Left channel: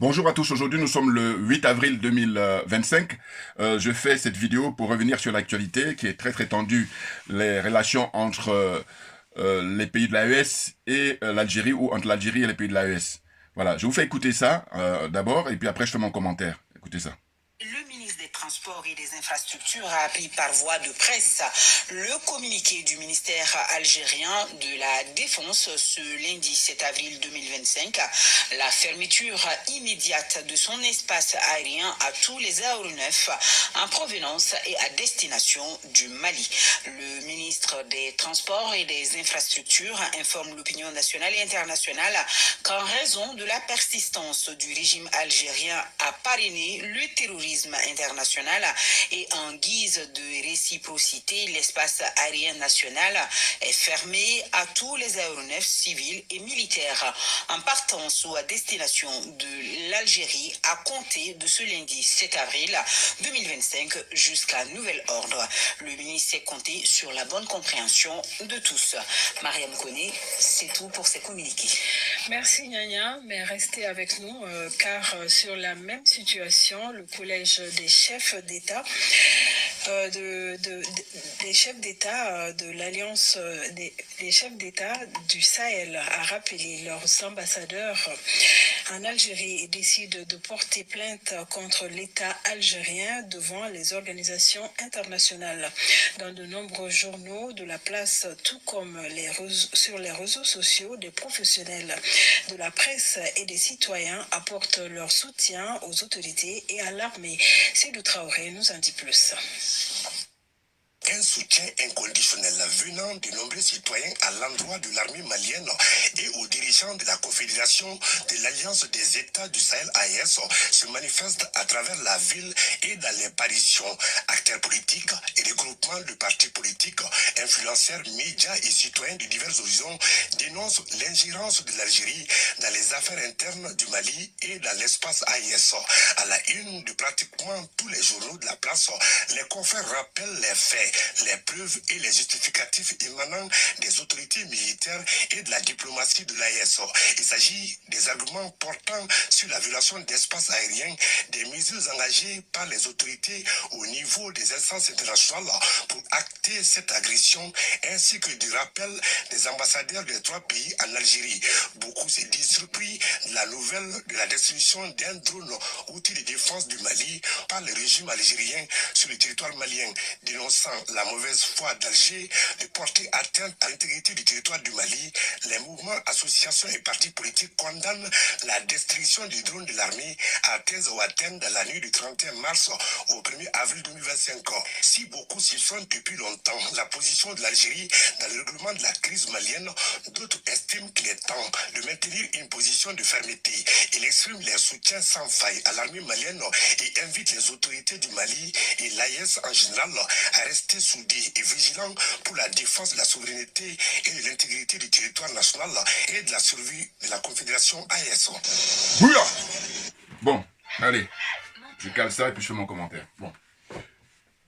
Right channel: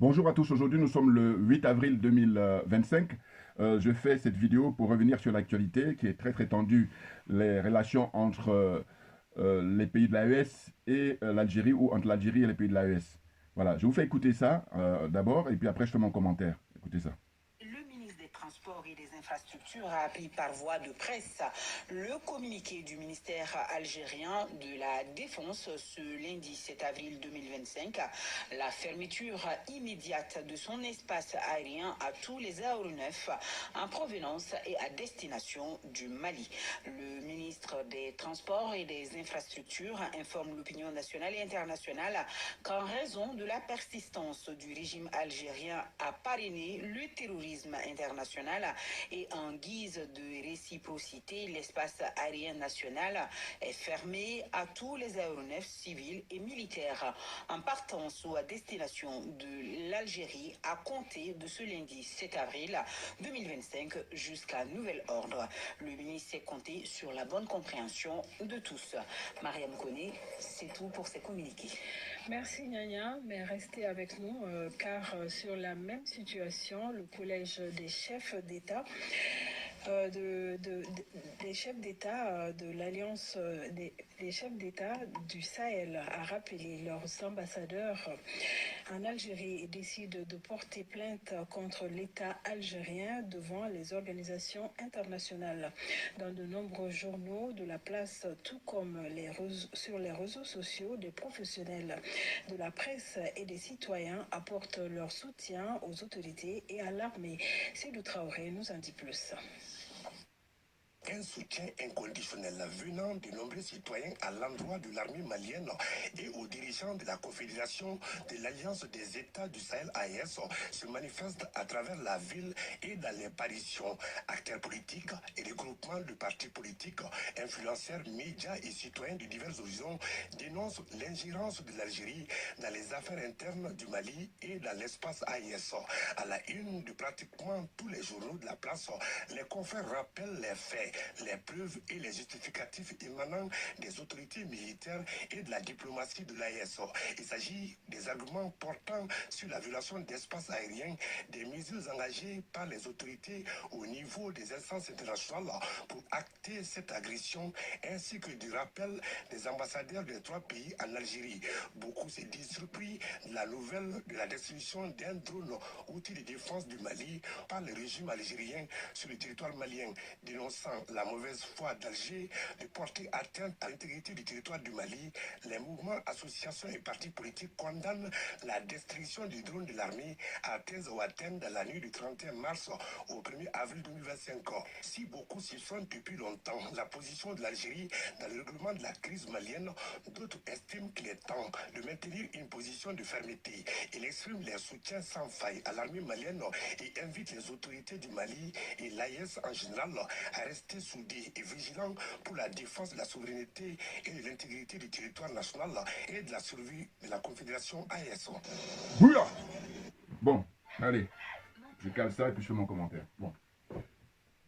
Bonjour à tous, aujourd'hui nous sommes le 8 avril 2025. Je fais cette vidéo pour revenir sur l'actualité qui est très tendue, les relations entre les pays de l'AES et l'Algérie ou entre l'Algérie et les pays de l'AES. Voilà, je vous fais écouter ça d'abord et puis après je fais mon commentaire. Écoutez ça. Le ministre des Transports et des Infrastructures a appris par voie de presse le communiqué du ministère algérien de la Défense ce lundi 7 avril 2025, la fermeture immédiate de son espace aérien à tous les aéronefs en provenance et à destination du Mali. Le ministre des Transports et des Infrastructures informe l'opinion nationale et internationale qu'en raison de la persistance du régime algérien à parrainer le terrorisme international et en guise de réciprocité, l'espace aérien national est fermé à tous les aéronefs civils et militaires en partance ou à destination de l'Algérie à compter de ce lundi 7 avril 2025 jusqu'à nouvel ordre. Le ministre s'est compté sur la bonne compréhension de tous. Mariam Koné, c'est tout pour ces communiqués. Merci Nyanya, mais restez avec nous car sur la même situation, le collège des chefs d'État des chefs d'État de l'Alliance des chefs d'État du Sahel a rappelé leurs ambassadeurs en Algérie et décide de porter plainte contre l'État algérien devant les organisations internationales. Dans de nombreux journaux de la place, tout comme sur les réseaux sociaux, des professionnels de la presse et des citoyens apportent leur soutien aux autorités et à l'armée. Sédou Traoré nous en dit plus. Un soutien inconditionnel venant de nombreux citoyens à l'endroit de l'armée malienne et aux dirigeants de la Confédération de l'Alliance des États du Sahel AES se manifeste à travers la ville et dans les parutions. Acteurs politiques et des groupements de partis politiques, influenceurs, médias et citoyens de divers horizons dénoncent l'ingérence de l'Algérie dans les affaires internes du Mali et dans l'espace AES. À la une de pratiquement tous les journaux de la place, les confrères rappellent les faits, les preuves et les justificatifs émanant des autorités militaires et de la diplomatie de l'AES. Il s'agit des arguments portant sur la violation d'espaces aériens, des mesures engagées par les autorités au niveau des instances internationales pour acter cette agression, ainsi que du rappel des ambassadeurs des trois pays en Algérie. Beaucoup se disent surpris de la nouvelle de la destruction d'un drone outil de défense du Mali par le régime algérien sur le territoire malien, dénonçant la mauvaise foi d'Alger de porter atteinte à l'intégrité du territoire du Mali. Les mouvements, associations et partis politiques condamnent la destruction du drone de l'armée à Thèse ou Athènes dans la nuit du 31 mars au 1er avril 2025. Si beaucoup soupçonnent depuis longtemps la position de l'Algérie dans le règlement de la crise malienne, d'autres estiment qu'il est temps de maintenir une position de fermeté. Ils expriment leur soutien sans faille à l'armée malienne et invitent les autorités du Mali et l'AES en général à rester soudés et vigilants pour la défense de la souveraineté et de l'intégrité du territoire national et de la survie de la Confédération AES. Bouya! Bon, allez, je cale ça et puis je fais mon commentaire. Bon.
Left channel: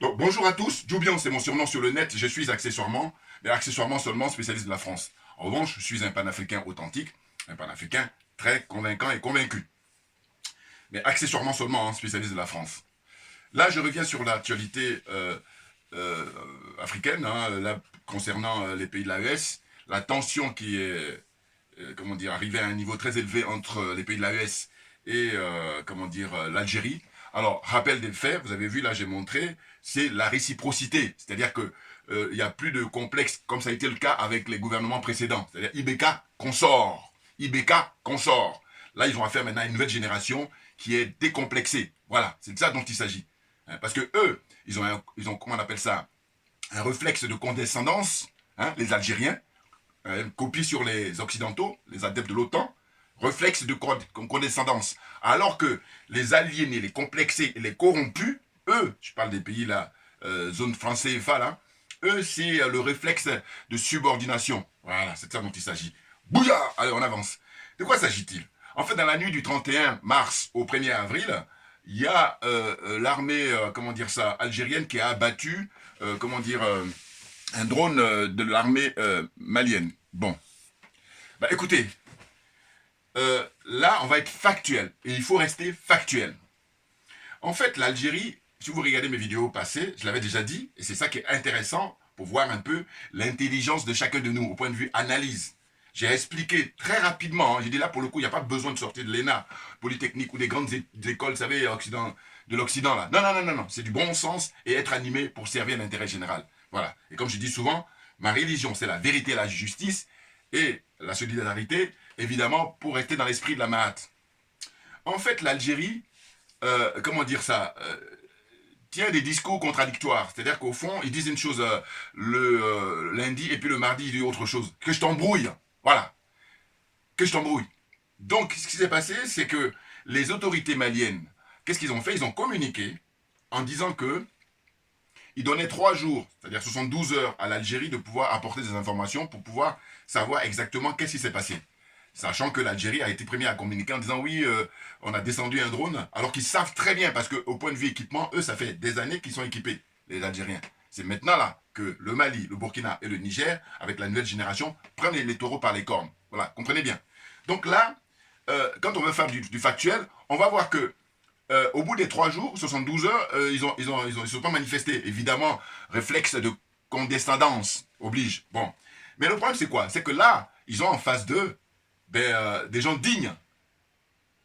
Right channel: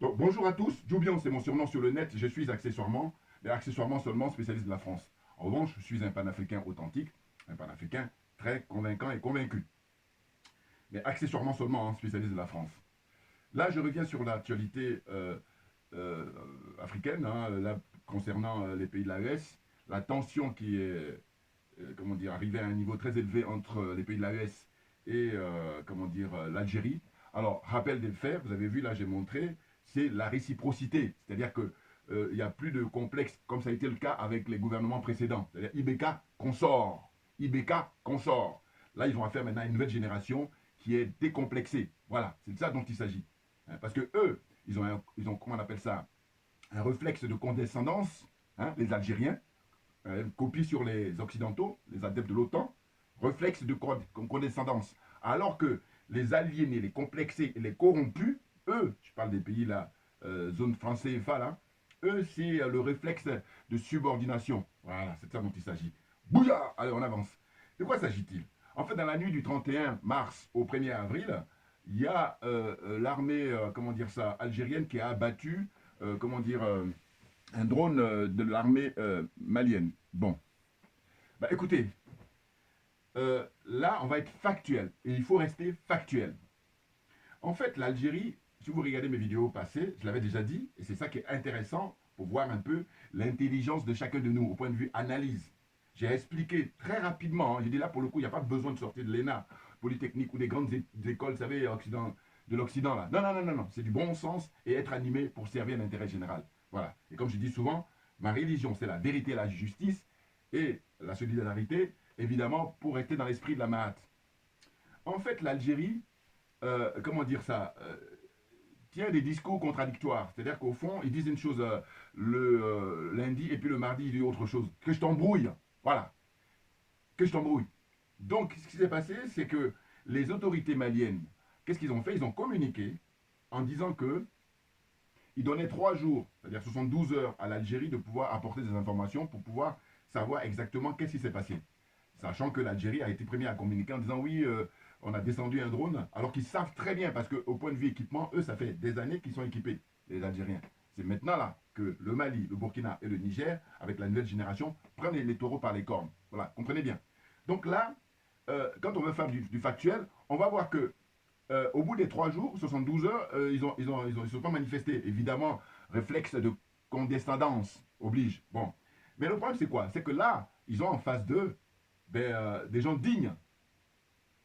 Donc, bonjour à tous, Djoubian, c'est mon surnom sur le net, je suis accessoirement, mais accessoirement seulement spécialiste de la France. En revanche, je suis un panafricain authentique, un panafricain très convaincant et convaincu. Mais accessoirement seulement spécialiste de la France. Là, je reviens sur l'actualité africaine, là, concernant les pays de l'AES, la tension qui est, arrivée à un niveau très élevé entre les pays de l'AES et, l'Algérie. Alors, rappel des faits, vous avez vu, là, j'ai montré, c'est la réciprocité, c'est-à-dire que il n'y a plus de complexe, comme ça a été le cas avec les gouvernements précédents, c'est-à-dire IBK consort, IBK consort. Là, ils ont affaire maintenant à une nouvelle génération qui est décomplexée. Voilà, c'est de ça dont il s'agit. Parce que eux, ils ont, comment on appelle ça, un réflexe de condescendance, les Algériens, copie sur les Occidentaux, les adeptes de l'OTAN, réflexe de condescendance. Alors que les aliénés, les complexés et les corrompus, eux, je parle des pays là, zone française CFA là, eux, c'est le réflexe de subordination. Voilà, c'est de ça dont il s'agit. Bouya! Allez, on avance. De quoi s'agit-il? En fait, dans la nuit du 31 mars au 1er avril, il y a l'armée, algérienne qui a abattu, un drone de l'armée malienne. Bon. Bah écoutez, là, on va être factuel. Et il faut rester factuel. En fait, l'Algérie, si vous regardez mes vidéos passées, je l'avais déjà dit, et c'est ça qui est intéressant pour voir un peu l'intelligence de chacun de nous au point de vue analyse. J'ai expliqué très rapidement, j'ai dit là pour le coup, il n'y a pas besoin de sortir de l'ENA, Polytechnique ou des grandes écoles, vous savez, de l'Occident là. Non, non, non, non, non, c'est du bon sens et être animé pour servir l'intérêt général. Voilà. Et comme je dis souvent, ma religion, c'est la vérité, la justice et la solidarité, évidemment, pour rester dans l'esprit de la Mahat. En fait, l'Algérie, comment dire ça, tient des discours contradictoires. C'est-à-dire qu'au fond, ils disent une chose le lundi et puis le mardi, ils disent autre chose. Que je t'embrouille. Voilà. Que je t'embrouille. Donc, ce qui s'est passé, c'est que les autorités maliennes, qu'est-ce qu'ils ont fait? Ils ont communiqué en disant que ils donnaient 3 jours, c'est-à-dire 72 heures à l'Algérie de pouvoir apporter des informations pour pouvoir savoir exactement qu'est-ce qui s'est passé. Sachant que l'Algérie a été première à communiquer en disant oui, on a descendu un drone, alors qu'ils savent très bien, parce qu'au point de vue équipement, eux, ça fait des années qu'ils sont équipés, les Algériens. C'est maintenant là que le Mali, le Burkina et le Niger, avec la nouvelle génération, prennent les taureaux par les cornes. Voilà, comprenez bien. Donc là, quand on veut faire du factuel, on va voir que au bout des 3 jours, 72 heures, ils ne sont pas manifestés. Évidemment, réflexe de condescendance oblige. Bon. Mais le problème, c'est quoi? C'est que là, ils ont en face d'eux des gens dignes.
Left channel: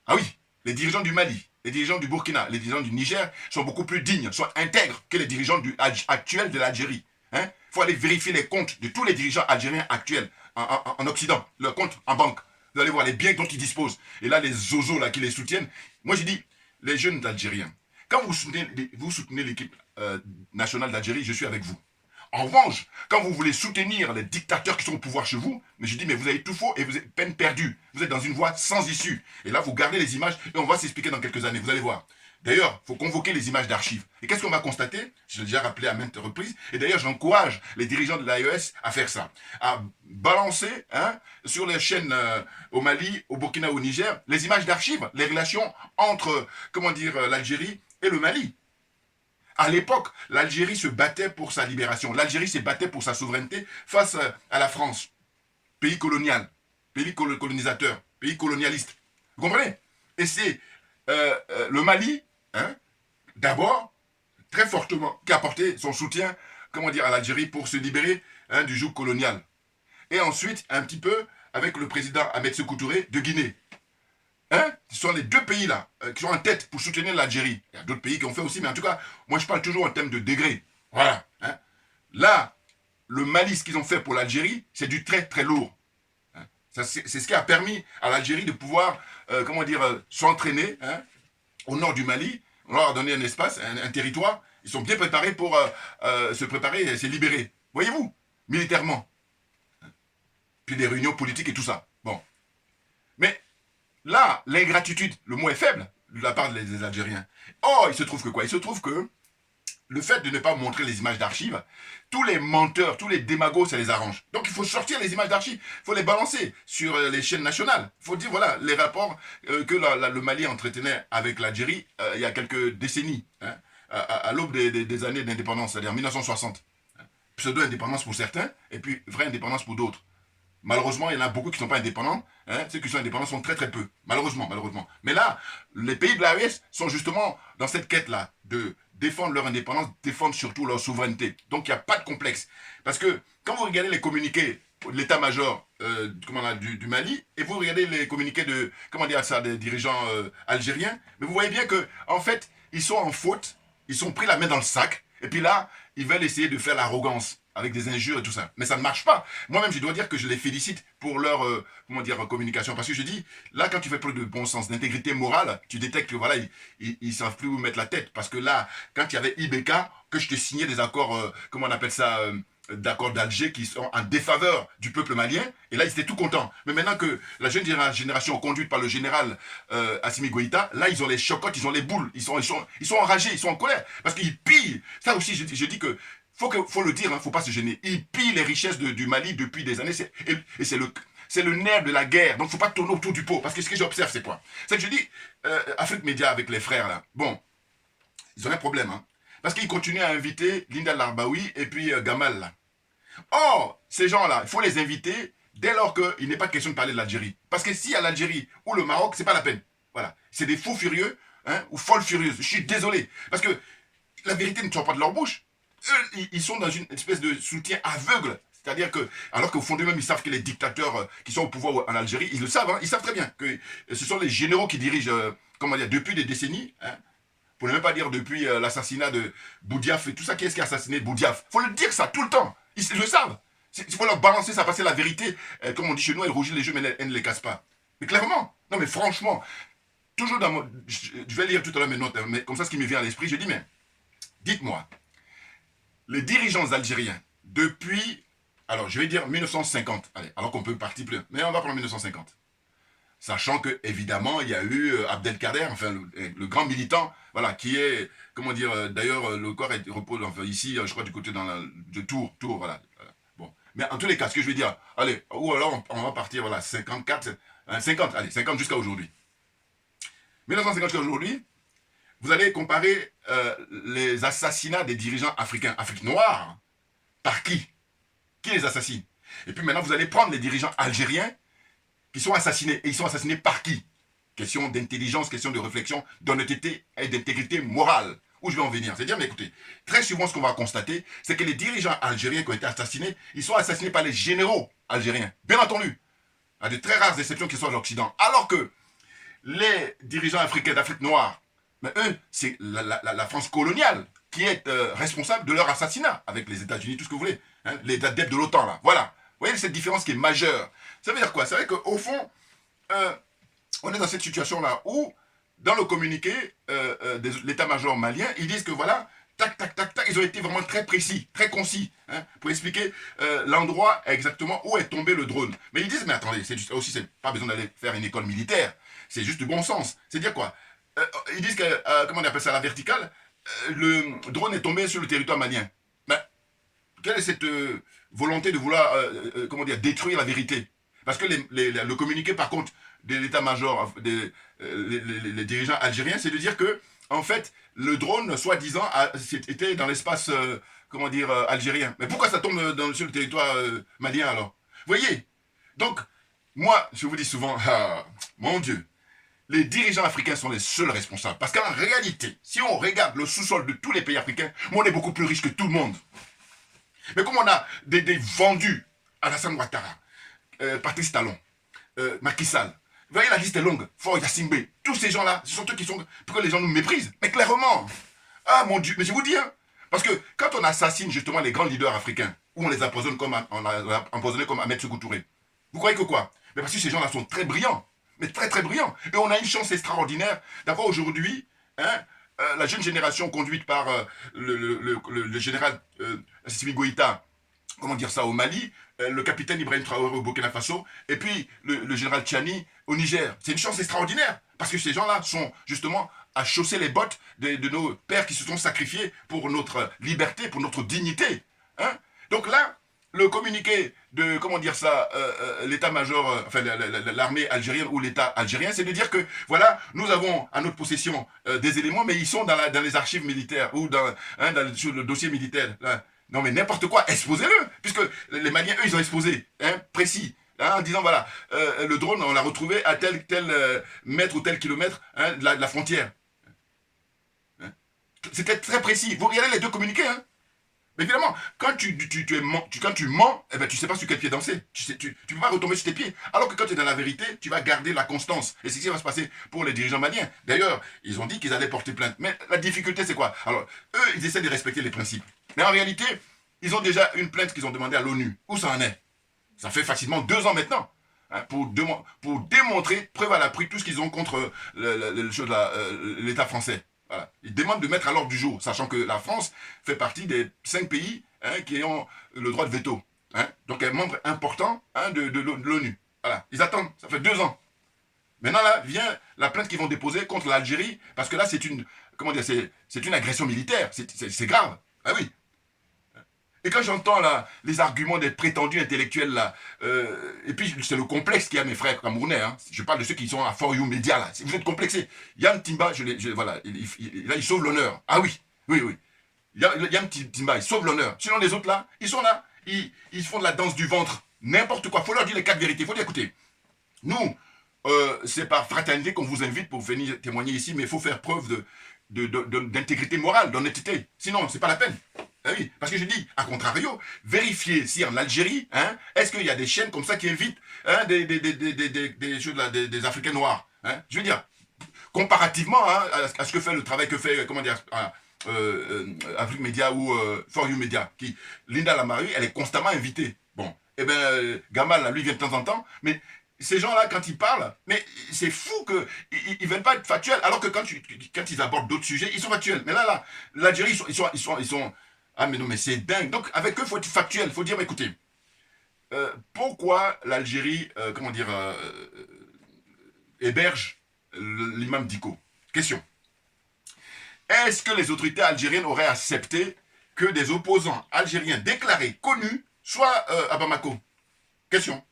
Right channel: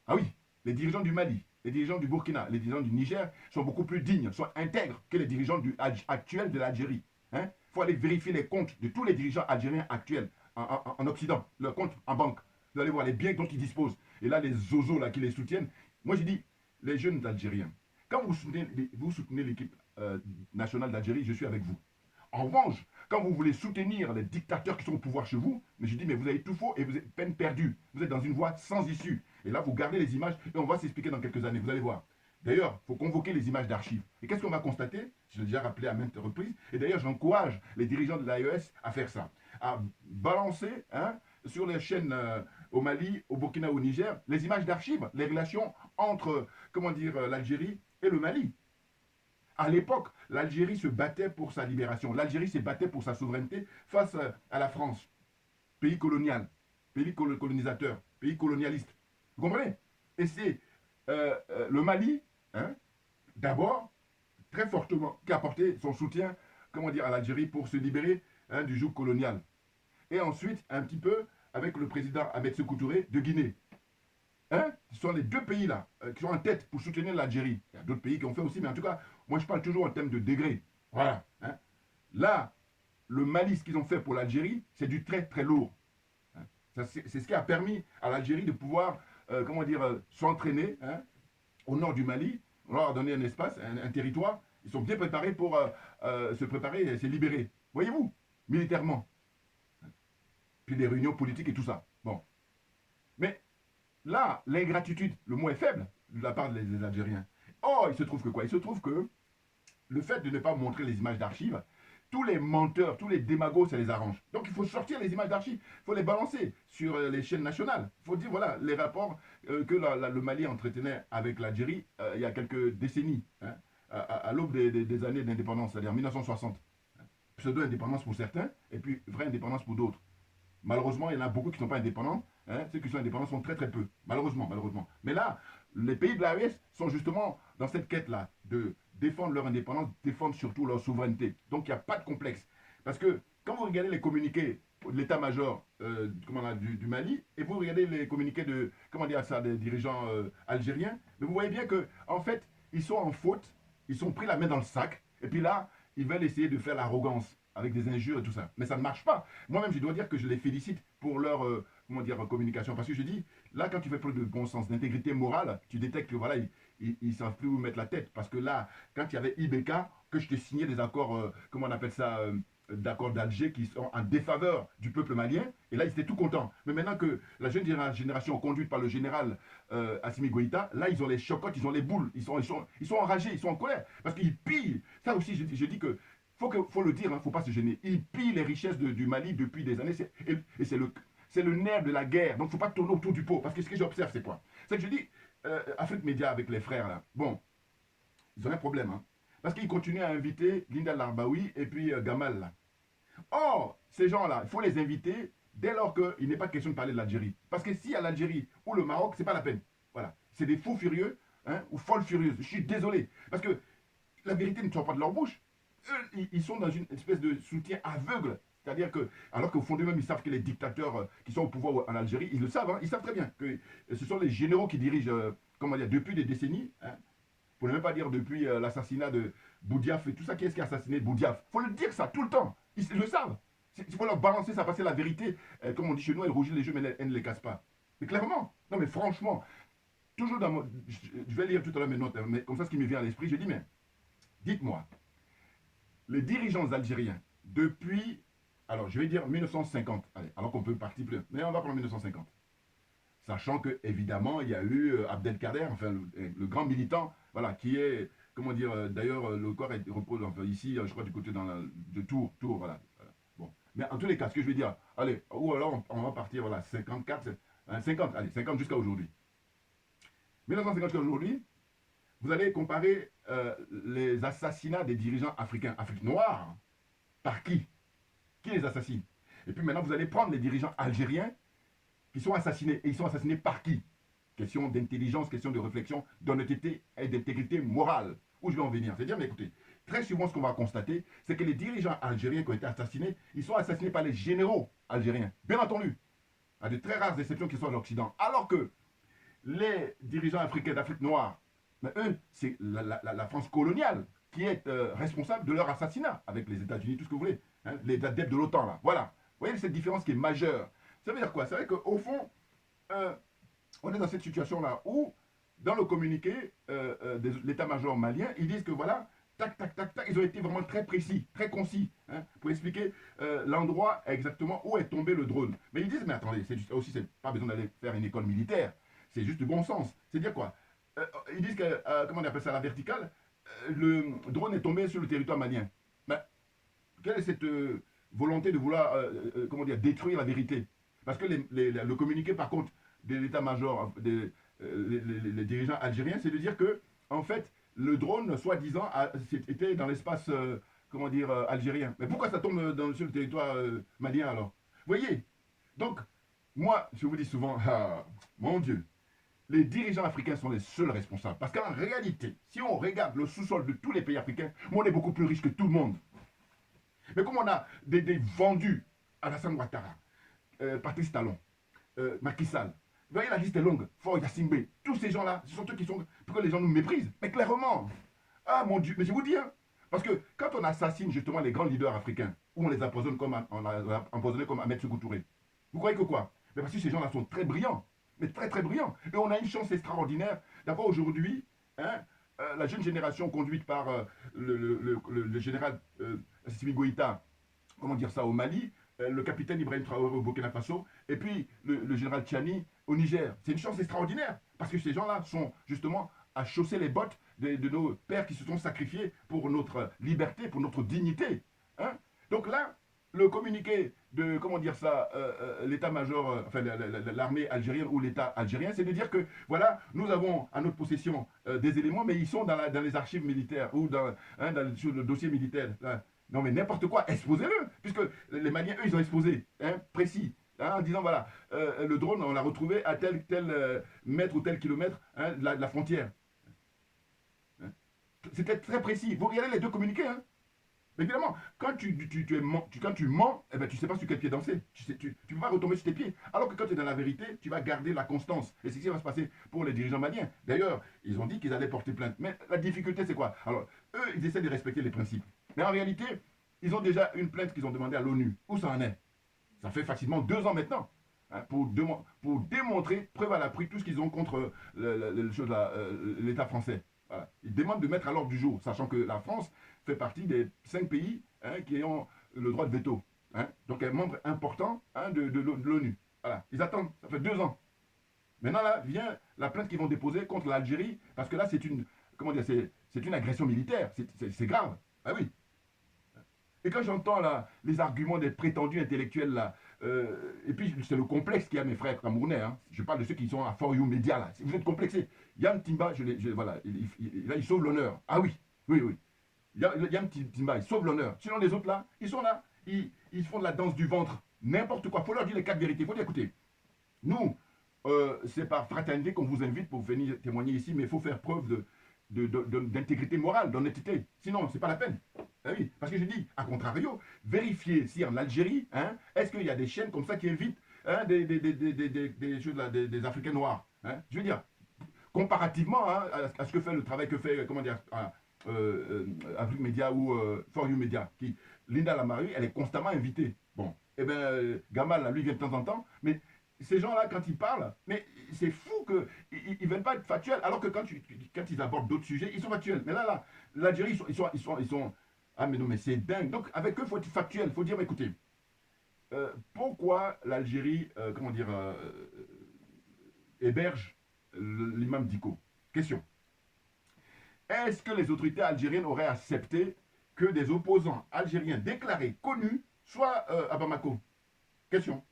Ah oui, les dirigeants du Mali, les dirigeants du Burkina, les dirigeants du Niger sont beaucoup plus dignes, sont intègres que les dirigeants actuels de l'Algérie. Il faut aller vérifier les comptes de tous les dirigeants algériens actuels en Occident, leurs comptes en banque. Vous allez voir les biens dont ils disposent. Et là, les zozos là, qui les soutiennent. Moi, j'ai dit, les jeunes d'Algériens, quand vous soutenez l'équipe nationale d'Algérie, je suis avec vous. En revanche, quand vous voulez soutenir les dictateurs qui sont au pouvoir chez vous, mais je dis, mais vous avez tout faux et vous êtes peine perdue. Vous êtes dans une voie sans issue. Et là, vous gardez les images et on va s'expliquer dans quelques années, vous allez voir. D'ailleurs, il faut convoquer les images d'archives. Et qu'est-ce qu'on va constater? Je l'ai déjà rappelé à maintes reprises. Et d'ailleurs, j'encourage les dirigeants de l'AES à faire ça. À balancer sur les chaînes au Mali, au Burkina, au Niger, les images d'archives, les relations entre, comment dire, l'Algérie et le Mali. À l'époque, l'Algérie se battait pour sa libération. L'Algérie se battait pour sa souveraineté face à la France. Pays colonial, pays colonisateur, pays colonialiste. Vous comprenez? Et c'est le Mali, d'abord, très fortement, qui a apporté son soutien, comment dire, à l'Algérie pour se libérer du joug colonial. Et ensuite, un petit peu, avec le président Ahmed Sékou Touré de Guinée. Ce sont les 2 pays-là qui sont en tête pour soutenir l'Algérie. Il y a d'autres pays qui ont fait aussi, mais en tout cas, moi je parle toujours en termes de degré. Voilà. Là, le Mali, ce qu'ils ont fait pour l'Algérie, c'est du très très lourd. C'est ce qui a permis à l'Algérie de pouvoir, comment dire, s'entraîner au nord du Mali. On leur a donné un espace, un territoire. Ils sont bien préparés pour se préparer et se libérer. Voyez-vous, militairement. Puis des réunions politiques et tout ça. Bon. Mais là, l'ingratitude, le mot est faible de la part des Algériens. Oh, il se trouve que quoi? Il se trouve que le fait de ne pas montrer les images d'archives, tous les menteurs, tous les démagos, ça les arrange. Donc il faut sortir les images d'archives, il faut les balancer sur les chaînes nationales. Il faut dire, voilà, les rapports que le Mali entretenait avec l'Algérie il y a quelques décennies, à l'aube des années d'indépendance, c'est-à-dire 1960. Pseudo-indépendance pour certains, et puis vraie indépendance pour d'autres. Malheureusement, il y en a beaucoup qui ne sont pas indépendants. Ceux qui sont indépendants sont très très peu. Malheureusement. Mais là, les pays de l'AES sont justement dans cette quête-là de défendre leur indépendance, défendre surtout leur souveraineté. Donc il n'y a pas de complexe. Parce que quand vous regardez les communiqués de l'état-major du Mali, et vous regardez les communiqués de, des dirigeants algériens, mais vous voyez bien que en fait, ils sont en faute, ils sont pris la main dans le sac, et puis là, ils veulent essayer de faire l'arrogance avec des injures et tout ça. Mais ça ne marche pas. Moi-même, je dois dire que je les félicite pour leur communication. Parce que je dis, là, quand tu fais preuve de bon sens, d'intégrité morale, tu détectes que voilà, ils ne savent plus où mettre la tête. Parce que là, quand il y avait IBK, que je te signais des accords, d'accords d'Alger qui sont en défaveur du peuple malien, et là, ils étaient tout contents. Mais maintenant que la jeune génération conduite par le général Assimi Goïta, là, ils ont les chocottes, ils ont les boules, ils sont enragés, ils sont en colère. Parce qu'ils pillent. Ça aussi, je dis que faut le dire, faut pas se gêner. Ils pillent les richesses du Mali depuis des années. Et c'est le nerf de la guerre. Donc, faut pas tourner autour du pot. Parce que ce que j'observe, c'est quoi? C'est que je dis, Afrique Média avec les frères, là, bon, ils ont un problème, parce qu'ils continuent à inviter Linda Larbaoui et puis Gamal, là. Or, ces gens-là, il faut les inviter dès lors qu'il n'est pas question de parler de l'Algérie. Parce que s'il y a l'Algérie ou le Maroc, c'est pas la peine. Voilà. C'est des fous furieux, hein, ou folles furieuses. Je suis désolé. Parce que la vérité ne sort pas de leur bouche. Eux, ils sont dans une espèce de soutien aveugle. C'est-à-dire que, alors qu'au fond d'eux-mêmes, ils savent que les dictateurs qui sont au pouvoir en Algérie, ils le savent, hein, ils savent très bien que ce sont les généraux qui dirigent, comment dire, depuis des décennies, hein, pour ne même pas dire depuis l'assassinat de Boudiaf et tout ça. Qui est-ce qui a assassiné Boudiaf? Il faut le dire ça tout le temps. Ils le savent. Il faut leur balancer ça, passer la vérité. Comme on dit chez nous, elle rougit les yeux, mais elle ne les casse pas. Mais clairement, non mais franchement, toujours dans mon... Je vais lire tout à l'heure mes notes, hein, mais comme ça, ce qui me vient à l'esprit, je dis, mais dites-moi, les dirigeants algériens, depuis, alors je vais dire 1950, allez, alors qu'on peut partir plus, mais on va prendre 1950. Sachant que, évidemment, il y a eu Abdelkader, enfin, le grand militant, voilà, qui est, comment dire, d'ailleurs, le corps repose enfin, ici, je crois, du côté de Tours, voilà. Bon. Mais en tous les cas, ce que je veux dire, allez, ou alors on va partir, voilà, 54, 50, allez, 50 jusqu'à aujourd'hui. 1950 jusqu'à aujourd'hui, vous allez comparer les assassinats des dirigeants africains, Afrique noire, par qui? Qui les assassine? Et puis maintenant, vous allez prendre les dirigeants algériens qui sont assassinés. Et ils sont assassinés par qui? Question d'intelligence, question de réflexion, d'honnêteté et d'intégrité morale. Où je vais en venir? C'est-à-dire, mais écoutez, très souvent, ce qu'on va constater, c'est que les dirigeants algériens qui ont été assassinés, ils sont assassinés par les généraux algériens. Bien entendu. À de très rares exceptions qui sont à l'Occident. Alors que les dirigeants africains d'Afrique noire, mais eux, c'est la France coloniale qui est responsable de leur assassinat, avec les États-Unis, tout ce que vous voulez. Hein, les adeptes de l'OTAN, là. Voilà. Vous voyez cette différence qui est majeure. Ça veut dire quoi? Ça veut dire qu'au fond, on est dans cette situation-là où, dans le communiqué de l'état-major malien, ils disent que voilà, tac, tac, tac, tac, ils ont été vraiment très précis, très concis, hein, pour expliquer l'endroit exactement où est tombé le drone. Mais ils disent, mais attendez, c'est pas besoin d'aller faire une école militaire, c'est juste du bon sens. C'est dire quoi? Ils disent que, comment on appelle ça, la verticale, le drone est tombé sur le territoire malien. Mais quelle est cette volonté de vouloir, comment dire, détruire la vérité? Parce que le communiqué, par contre, de l'état-major, les dirigeants algériens, c'est de dire que, en fait, le drone, soi-disant, était dans l'espace, comment dire, algérien. Mais pourquoi ça tombe sur le territoire malien, alors? Vous voyez? Donc, moi, je vous dis souvent, ah, mon Dieu, les dirigeants africains sont les seuls responsables. Parce qu'en réalité, si on regarde le sous-sol de tous les pays africains, on est beaucoup plus riche que tout le monde. Mais comme on a des vendus, Alassane Ouattara, Patrice Talon, Macky Sall, vous voyez, la liste est longue, Faure Yassimbe, tous ces gens-là, ce sont eux qui sont... Pourquoi les gens nous méprisent? Mais clairement, ah mon Dieu, mais je vous dis, hein, parce que quand on assassine justement les grands leaders africains, ou on les empoisonne comme, on a empoisonné comme Ahmed Sékou Touré, vous croyez que quoi? Mais parce que ces gens-là sont très brillants, mais très très brillants. Et on a une chance extraordinaire d'avoir aujourd'hui, hein, la jeune génération conduite par le général Assimi Goïta, comment dire ça, au Mali, le capitaine Ibrahim Traoré au Burkina Faso, et puis le général Tchani au Niger. C'est une chance extraordinaire, parce que ces gens-là sont justement à chausser les bottes de nos pères qui se sont sacrifiés pour notre liberté, pour notre dignité. Hein? Donc là, le communiqué de, comment dire ça, l'état-major, enfin l'armée algérienne ou l'état algérien, c'est de dire que, voilà, nous avons à notre possession des éléments, mais ils sont dans les archives militaires ou sur le dossier militaire. Là. Non mais n'importe quoi, exposez-le, puisque les Maliens, eux, ils ont exposé, hein, précis, hein, en disant, voilà, le drone, on l'a retrouvé à tel mètre ou tel kilomètre, hein, de la frontière. Hein. C'était très précis. Vous regardez les deux communiqués, hein. Mais évidemment, quand tu mens, eh ben, tu ne sais pas sur quel pied danser. Tu ne peux pas retomber sur tes pieds. Alors que quand tu es dans la vérité, tu vas garder la constance. Et c'est ce qui va se passer pour les dirigeants maliens. D'ailleurs, ils ont dit qu'ils allaient porter plainte. Mais la difficulté, c'est quoi? Alors, eux, ils essaient de respecter les principes. Mais en réalité, ils ont déjà une plainte qu'ils ont demandée à l'ONU. Où ça en est? Ça fait facilement 2 ans maintenant. Hein, pour démontrer, preuve à l'appui, tout ce qu'ils ont contre l'État français. Voilà. Ils demandent de mettre à l'ordre du jour, sachant que la France fait partie des 5 pays, hein, qui ont le droit de veto. Hein. Donc, elle est membre important, hein, de l'ONU. Voilà. Ils attendent, ça fait 2 ans. Maintenant, là, vient la plainte qu'ils vont déposer contre l'Algérie, parce que là, c'est une agression militaire. C'est grave. Ah oui. Et quand j'entends là les arguments des prétendus intellectuels là, et puis c'est le complexe qu'il y a mes frères camerounais, hein. Je parle de ceux qui sont à For You Media là, vous êtes complexés. Yann Timba, voilà, là il sauve l'honneur. Ah oui, oui, oui. Yann Timba, il sauve l'honneur. Sinon les autres là, ils sont là, ils font de la danse du ventre. N'importe quoi. Il faut leur dire les 4 vérités. Il faut dire, écoutez, nous, c'est par fraternité qu'on vous invite pour venir témoigner ici, mais il faut faire preuve d'intégrité morale, d'honnêteté. Sinon, c'est pas la peine. Ah oui, parce que je dis, à contrario, vérifiez si en Algérie, hein, est-ce qu'il y a des chaînes comme ça qui invitent hein, des Africains noirs. Hein, je veux dire, comparativement hein, à ce que fait le travail que fait, comment dire, Afrique Média ou For You Media, Linda Lamari, elle est constamment invitée. Bon, et bien, Gamal, là, lui, vient de temps en temps, mais ces gens-là, quand ils parlent, mais c'est fou qu'ils ne veulent pas être factuels, alors que quand ils abordent d'autres sujets, ils sont factuels. Mais là, l'Algérie, ils sont... Ah, mais non, mais c'est dingue. Donc, avec eux, il faut être factuel. Il faut dire, écoutez, pourquoi l'Algérie, comment dire, héberge l'imam Dicko? Question. Est-ce que les autorités algériennes auraient accepté que des opposants algériens déclarés, connus, soient à Bamako? Question.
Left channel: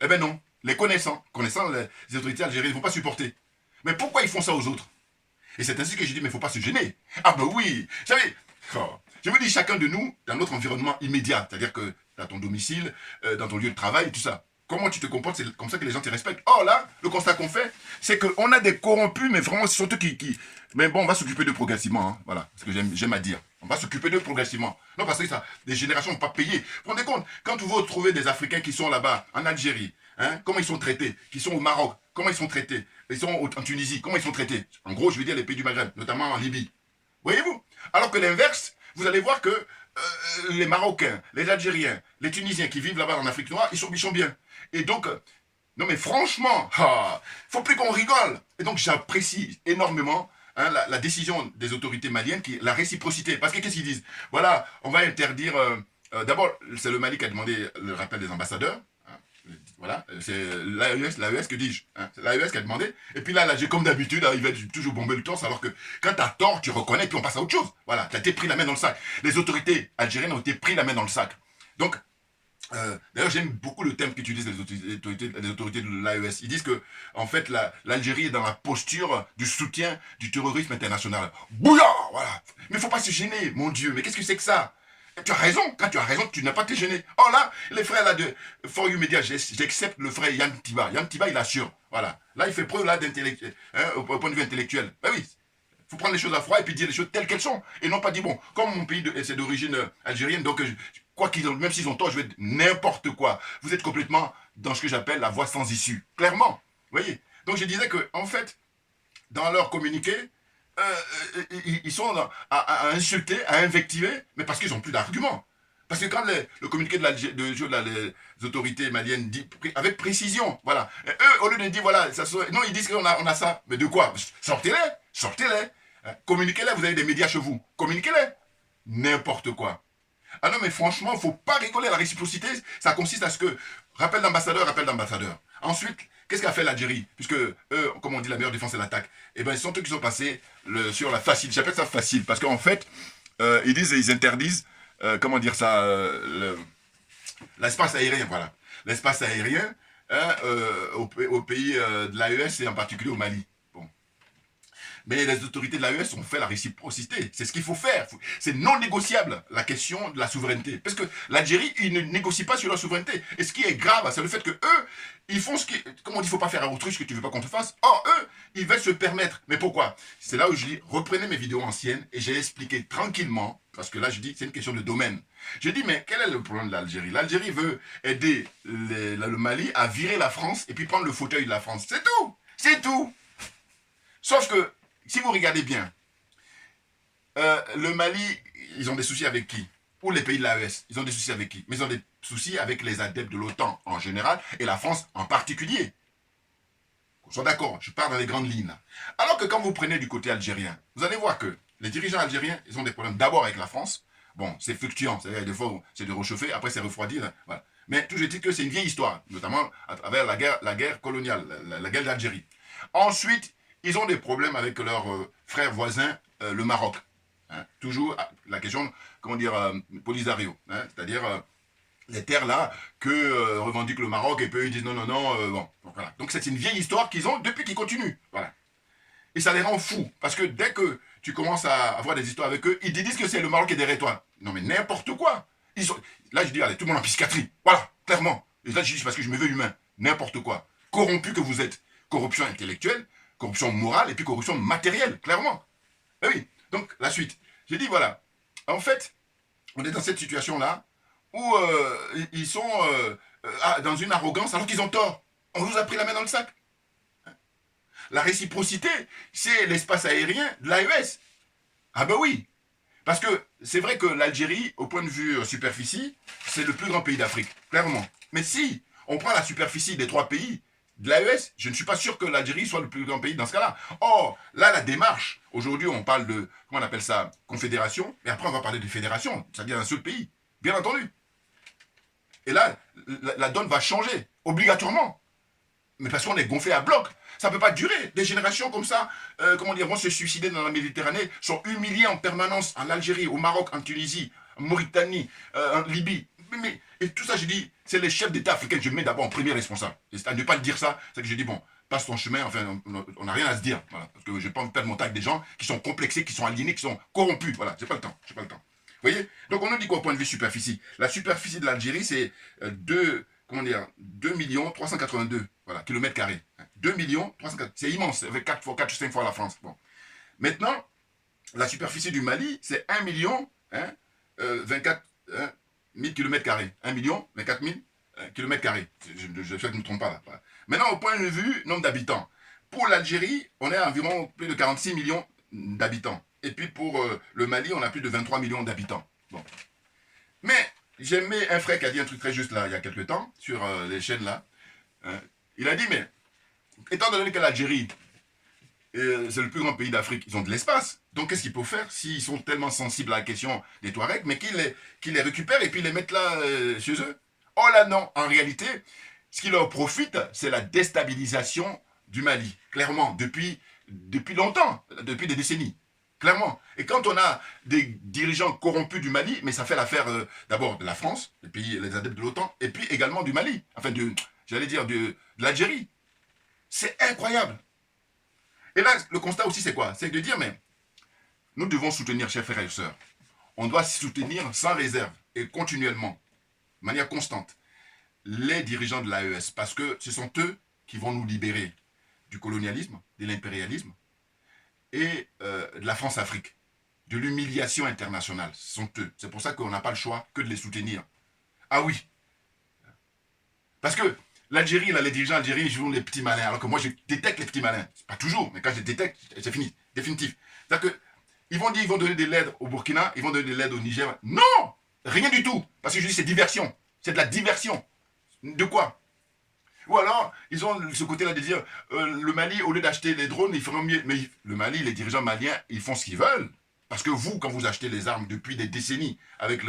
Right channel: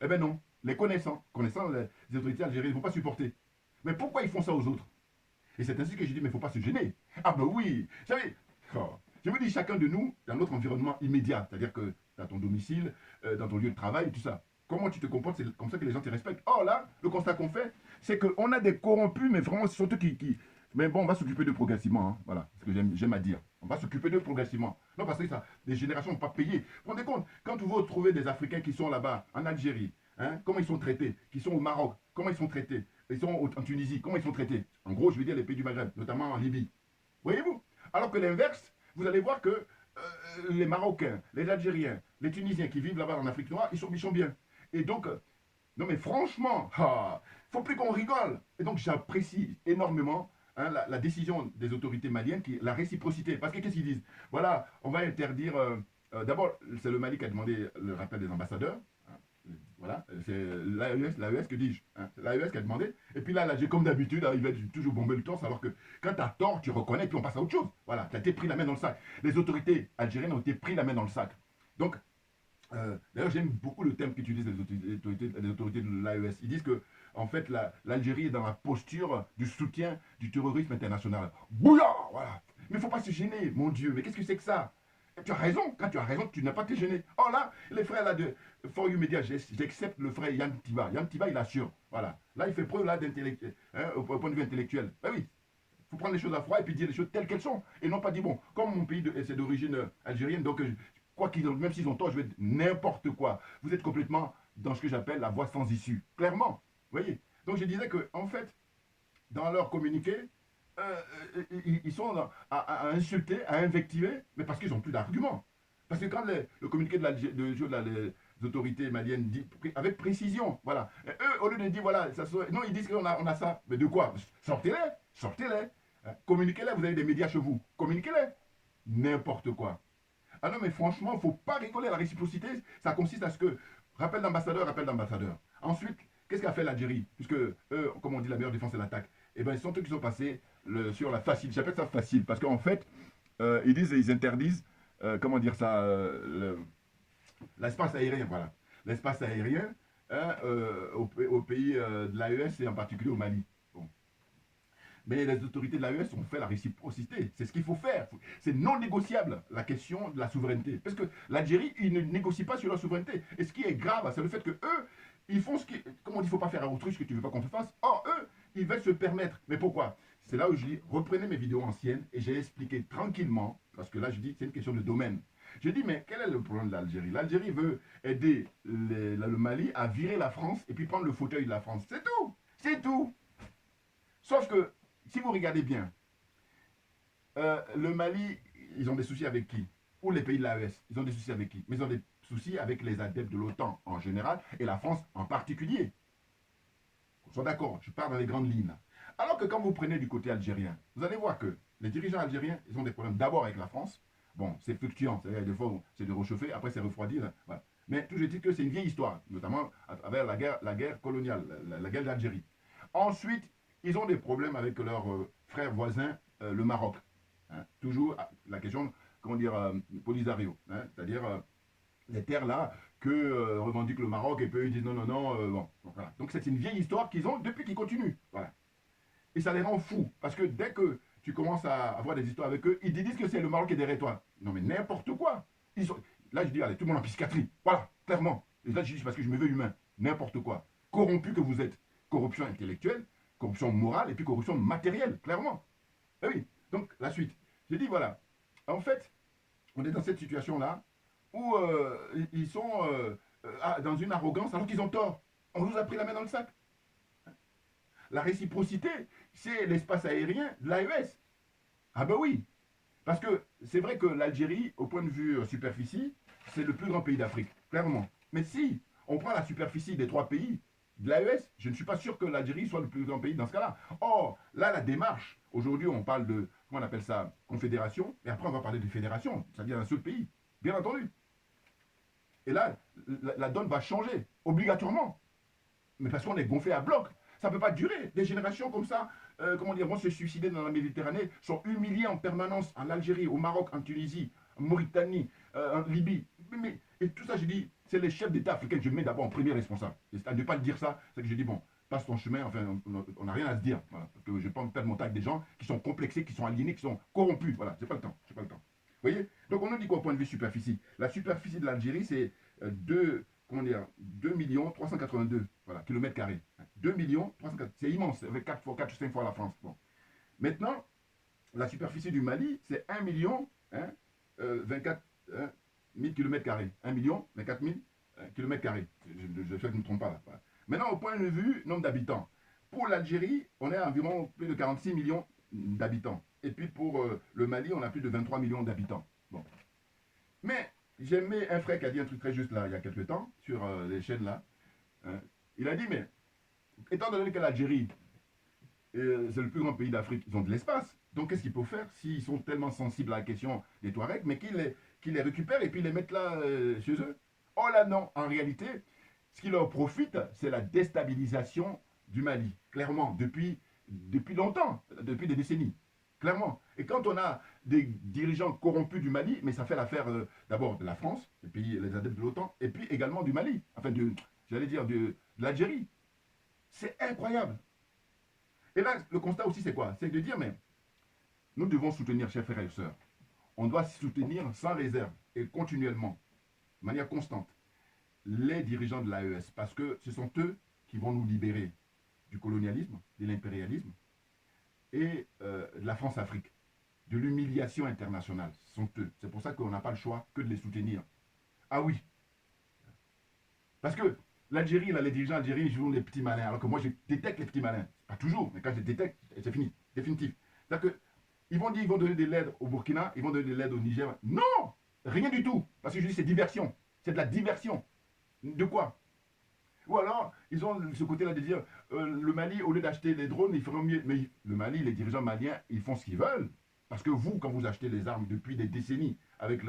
Eh bien non. Les connaissant, les autorités algériennes ne vont pas supporter. Mais pourquoi ils font ça aux autres? Et c'est ainsi que je dis, mais il ne faut pas se gêner. Ah ben oui, vous savez, je vous dis, chacun de nous, dans notre environnement immédiat, c'est-à-dire que dans ton domicile, dans ton lieu de travail, tout ça, comment tu te comportes, c'est comme ça que les gens te respectent. Or là, le constat qu'on fait, c'est qu'on a des corrompus, mais vraiment, ce sont eux qui... Mais bon, on va s'occuper d'eux progressivement, hein, voilà, c'est ce que j'aime à dire. On va s'occuper d'eux progressivement. Non, parce que ça, les générations ne vont pas payer. Vous vous rendez compte, quand vous retrouvez des Africains qui sont là-bas, en Algérie, hein, comment ils sont traités, qui sont au Maroc, comment ils sont traités, ils sont en Tunisie, comment ils sont traités. En gros, je veux dire les pays du Maghreb, notamment en Libye. Voyez-vous? Alors que l'inverse, vous allez voir que les Marocains, les Algériens, les Tunisiens qui vivent là-bas en Afrique noire, ils sont bien. Et donc, non mais franchement, faut plus qu'on rigole. Et donc j'apprécie énormément hein, la décision des autorités maliennes, la réciprocité. Parce que qu'est-ce qu'ils disent? Voilà, on va interdire... D'abord, c'est le Mali qui a demandé le rappel des ambassadeurs. Voilà, c'est l'AES, que dis-je hein, c'est l'AES qui a demandé. Et puis là j'ai comme d'habitude, il va toujours bomber le torse, alors que quand tu as tort, tu reconnais, puis on passe à autre chose. Voilà, tu as été pris la main dans le sac. Les autorités algériennes ont été pris la main dans le sac. Donc, d'ailleurs, j'aime beaucoup le terme qu'utilisent les autorités de l'AES. Ils disent que, en fait, l'Algérie est dans la posture du soutien du terrorisme international. Bouillard, voilà. Mais il ne faut pas se gêner, mon Dieu. Mais qu'est-ce que c'est que ça? Tu as raison, quand tu as raison, tu n'as pas été gêné. Oh là, les frères là de For You Media, j'accepte le frère Yann Tiba. Yann Tiba, il assure. Voilà. Là, il fait preuve là d'intellectuel, hein, au point de vue intellectuel. Ben oui, il faut prendre les choses à froid et puis dire les choses telles qu'elles sont. Et non pas dire, bon, comme mon pays c'est d'origine algérienne, donc quoi qu'ils ont, même s'ils ont tort, je vais dire n'importe quoi. Vous êtes complètement dans ce que j'appelle la voie sans issue. Clairement. Vous voyez? Donc je disais que, en fait, dans leur communiqué, ils sont à insulter, à invectiver, mais parce qu'ils n'ont plus d'arguments. Parce que quand le communiqué les autorités maliennes dit avec précision, voilà. Et eux, au lieu de dire, voilà, non, ils disent qu'on a ça. Mais de quoi? Sortez-les. Communiquez-les, vous avez des médias chez vous. Communiquez-les. N'importe quoi. Ah non, mais franchement, il ne faut pas rigoler. La réciprocité, ça consiste à ce que, rappel d'ambassadeur. Ensuite, qu'est-ce qu'a fait l'Algérie? Puisque eux, comme on dit, la meilleure défense, c'est l'attaque. Eh bien, ils sont eux qui sont passés sur la facile. J'appelle ça facile, parce qu'en fait, ils interdisent, comment dire ça, l'espace aérien, voilà. L'espace aérien hein, au pays de l'AES et en particulier au Mali. Bon. Mais les autorités de l'AES ont fait la réciprocité. C'est ce qu'il faut faire. C'est non négociable, la question de la souveraineté. Parce que l'Algérie, ils ne négocient pas sur leur souveraineté. Et ce qui est grave, c'est le fait que eux, ils font ce qui... Comment on dit, il ne faut pas faire à autruche ce que tu ne veux pas qu'on te fasse. Or, eux, ils veulent se permettre. Mais pourquoi? C'est là où je dis, reprenez mes vidéos anciennes et j'ai expliqué tranquillement, parce que là, je dis, c'est une question de domaine. Je dis, mais quel est le problème de l'Algérie? L'Algérie veut aider le Mali à virer la France et puis prendre le fauteuil de la France. C'est tout. C'est tout. Sauf que, si vous regardez bien, le Mali, ils ont des soucis avec qui? Ou les pays de l'AES, ils ont des soucis avec qui? Mais ils ont des soucis avec les adeptes de l'OTAN en général et la France en particulier. Ils sont d'accord, je pars dans les grandes lignes. Alors que quand vous prenez du côté algérien, vous allez voir que les dirigeants algériens, ils ont des problèmes d'abord avec la France. Bon, c'est fluctuant, c'est-à-dire des fois c'est de réchauffer, après c'est refroidi. Voilà. Mais toujours est-il que c'est une vieille histoire, notamment à travers la guerre coloniale, la guerre d'Algérie. Ensuite, ils ont des problèmes avec leur frère voisin, le Maroc. Hein, toujours la question, comment dire, Polisario. Hein, c'est-à-dire les terres là que revendique le Maroc et puis ils disent non, bon. Donc, voilà. Donc c'est une vieille histoire qu'ils ont depuis qu'ils continuent. Voilà. Et ça les rend fous. Parce que dès que tu commences à avoir des histoires avec eux, ils te disent que c'est le Maroc qui est derrière toi. Non mais n'importe quoi. Là je dis, allez, tout le monde en psychiatrie. Voilà, clairement. Et là, je dis parce que je me veux humain. N'importe quoi. Corrompu que vous êtes. Corruption intellectuelle, corruption morale et puis corruption matérielle, clairement. Et oui, donc la suite. J'ai dit, voilà, en fait, on est dans cette situation-là où ils sont dans une arrogance alors qu'ils ont tort. On nous a pris la main dans le sac. La réciprocité, c'est l'espace aérien de l'AES. Ah ben oui. Parce que c'est vrai que l'Algérie, au point de vue superficie, c'est le plus grand pays d'Afrique, clairement. Mais si on prend la superficie des 3 pays de l'AES, je ne suis pas sûr que l'Algérie soit le plus grand pays dans ce cas-là. Or, là, la démarche, aujourd'hui, on parle de, comment on appelle ça, confédération, et après, on va parler de fédération, c'est-à-dire un seul pays, bien entendu. Et là, la donne va changer, obligatoirement. Mais parce qu'on est gonflé à bloc. Ça ne peut pas durer. Des générations comme ça, comment dire, vont se suicider dans la Méditerranée, sont humiliés en permanence en Algérie, au Maroc, en Tunisie, en Mauritanie, en Libye. Et tout ça, je dis, c'est les chefs d'État africains que je mets d'abord en premier responsable. Et à ne pas le dire ça, c'est que je dis, bon, passe ton chemin, enfin, on n'a rien à se dire. Voilà, parce que je n'ai pas envie de perdre mon temps avec des gens qui sont complexés, qui sont aliénés, qui sont corrompus. Voilà, j'ai pas le temps, j'ai pas le temps. Vous voyez? Donc on nous dit quoi au point de vue superficie? La superficie de l'Algérie, c'est 2 382 voilà, kilomètres carrés. 2 382, c'est immense, avec 4 ou 5 fois la France. Bon. Maintenant, la superficie du Mali, c'est 1 24 000 kilomètres carrés. 1 24 000 kilomètres carrés. Je sais que je ne me trompe pas là. Voilà. Maintenant, au point de vue nombre d'habitants. Pour l'Algérie, on est à environ plus de 46 millions d'habitants. Et puis pour le Mali, on a plus de 23 millions d'habitants. Bon. Mais j'ai mis un frère qui a dit un truc très juste là, il y a quelques temps, sur les chaînes là. Il a dit, mais étant donné que l'Algérie, c'est le plus grand pays d'Afrique, ils ont de l'espace. Donc qu'est-ce qu'il faut faire s'ils sont tellement sensibles à la question des Touaregs, mais qu'ils les récupèrent et puis les mettent là chez eux? Oh là non, en réalité, ce qui leur profite, c'est la déstabilisation du Mali, clairement, depuis longtemps, depuis des décennies. Clairement. Et quand on a des dirigeants corrompus du Mali, mais ça fait l'affaire d'abord de la France, les adeptes de l'OTAN, et puis également du Mali, enfin j'allais dire de l'Algérie. C'est incroyable. Et là, le constat aussi, c'est quoi? C'est de dire, mais nous devons soutenir, chers frères et sœurs. On doit soutenir sans réserve et continuellement, de manière constante, les dirigeants de l'AES, parce que ce sont eux qui vont nous libérer du colonialisme, de l'impérialisme, et de la France-Afrique, de l'humiliation internationale. Ce sont eux. C'est pour ça qu'on n'a pas le choix que de les soutenir. Ah oui. Parce que l'Algérie, là, les dirigeants algériens, ils jouent les petits malins, alors que moi, je détecte les petits malins. Pas toujours, mais quand je les détecte, c'est fini, définitif. C'est-à-dire qu'ils vont dire qu'ils vont donner de l'aide au Burkina, ils vont donner de l'aide au Niger. Non, rien du tout. Parce que je dis, c'est diversion. C'est de la diversion. De quoi? Ou alors, ils ont ce côté-là de dire, le Mali, au lieu d'acheter les drones, ils feront mieux. Mais le Mali, les dirigeants maliens, ils font ce qu'ils veulent. Parce que vous, quand vous achetez les armes depuis des décennies avec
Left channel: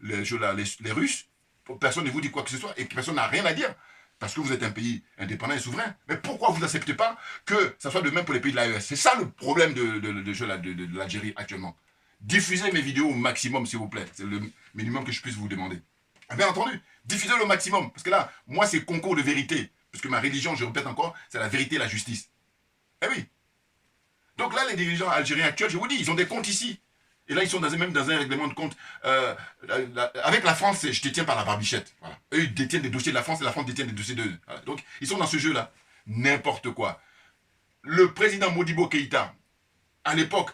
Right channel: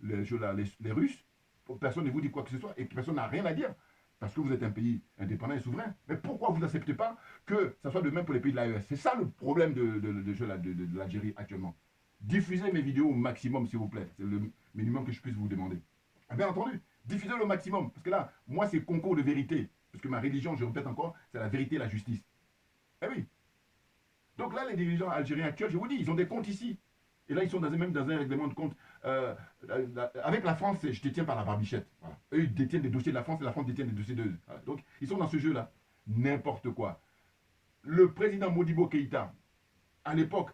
les Russes, personne ne vous dit quoi que ce soit et personne n'a rien à dire. Parce que vous êtes un pays indépendant et souverain. Mais pourquoi vous n'acceptez pas que ça soit de même pour les pays de l'AES? C'est ça le problème de l'Algérie actuellement. Diffusez mes vidéos au maximum, s'il vous plaît. C'est le minimum que je puisse vous demander. Bien entendu, diffusez le maximum. Parce que là, moi, c'est concours de vérité. Parce que ma religion, je répète encore, c'est la vérité et la justice. Eh oui. Donc là, les dirigeants algériens actuels, je vous dis, ils ont des comptes ici. Et là, ils sont même dans un règlement de compte. Avec la France, je te tiens par la barbichette. Voilà. Eux, ils détiennent des dossiers de la France et la France détient des dossiers d'eux. Voilà. Donc, ils sont dans ce jeu-là. N'importe quoi. Le président Modibo Keïta, à l'époque,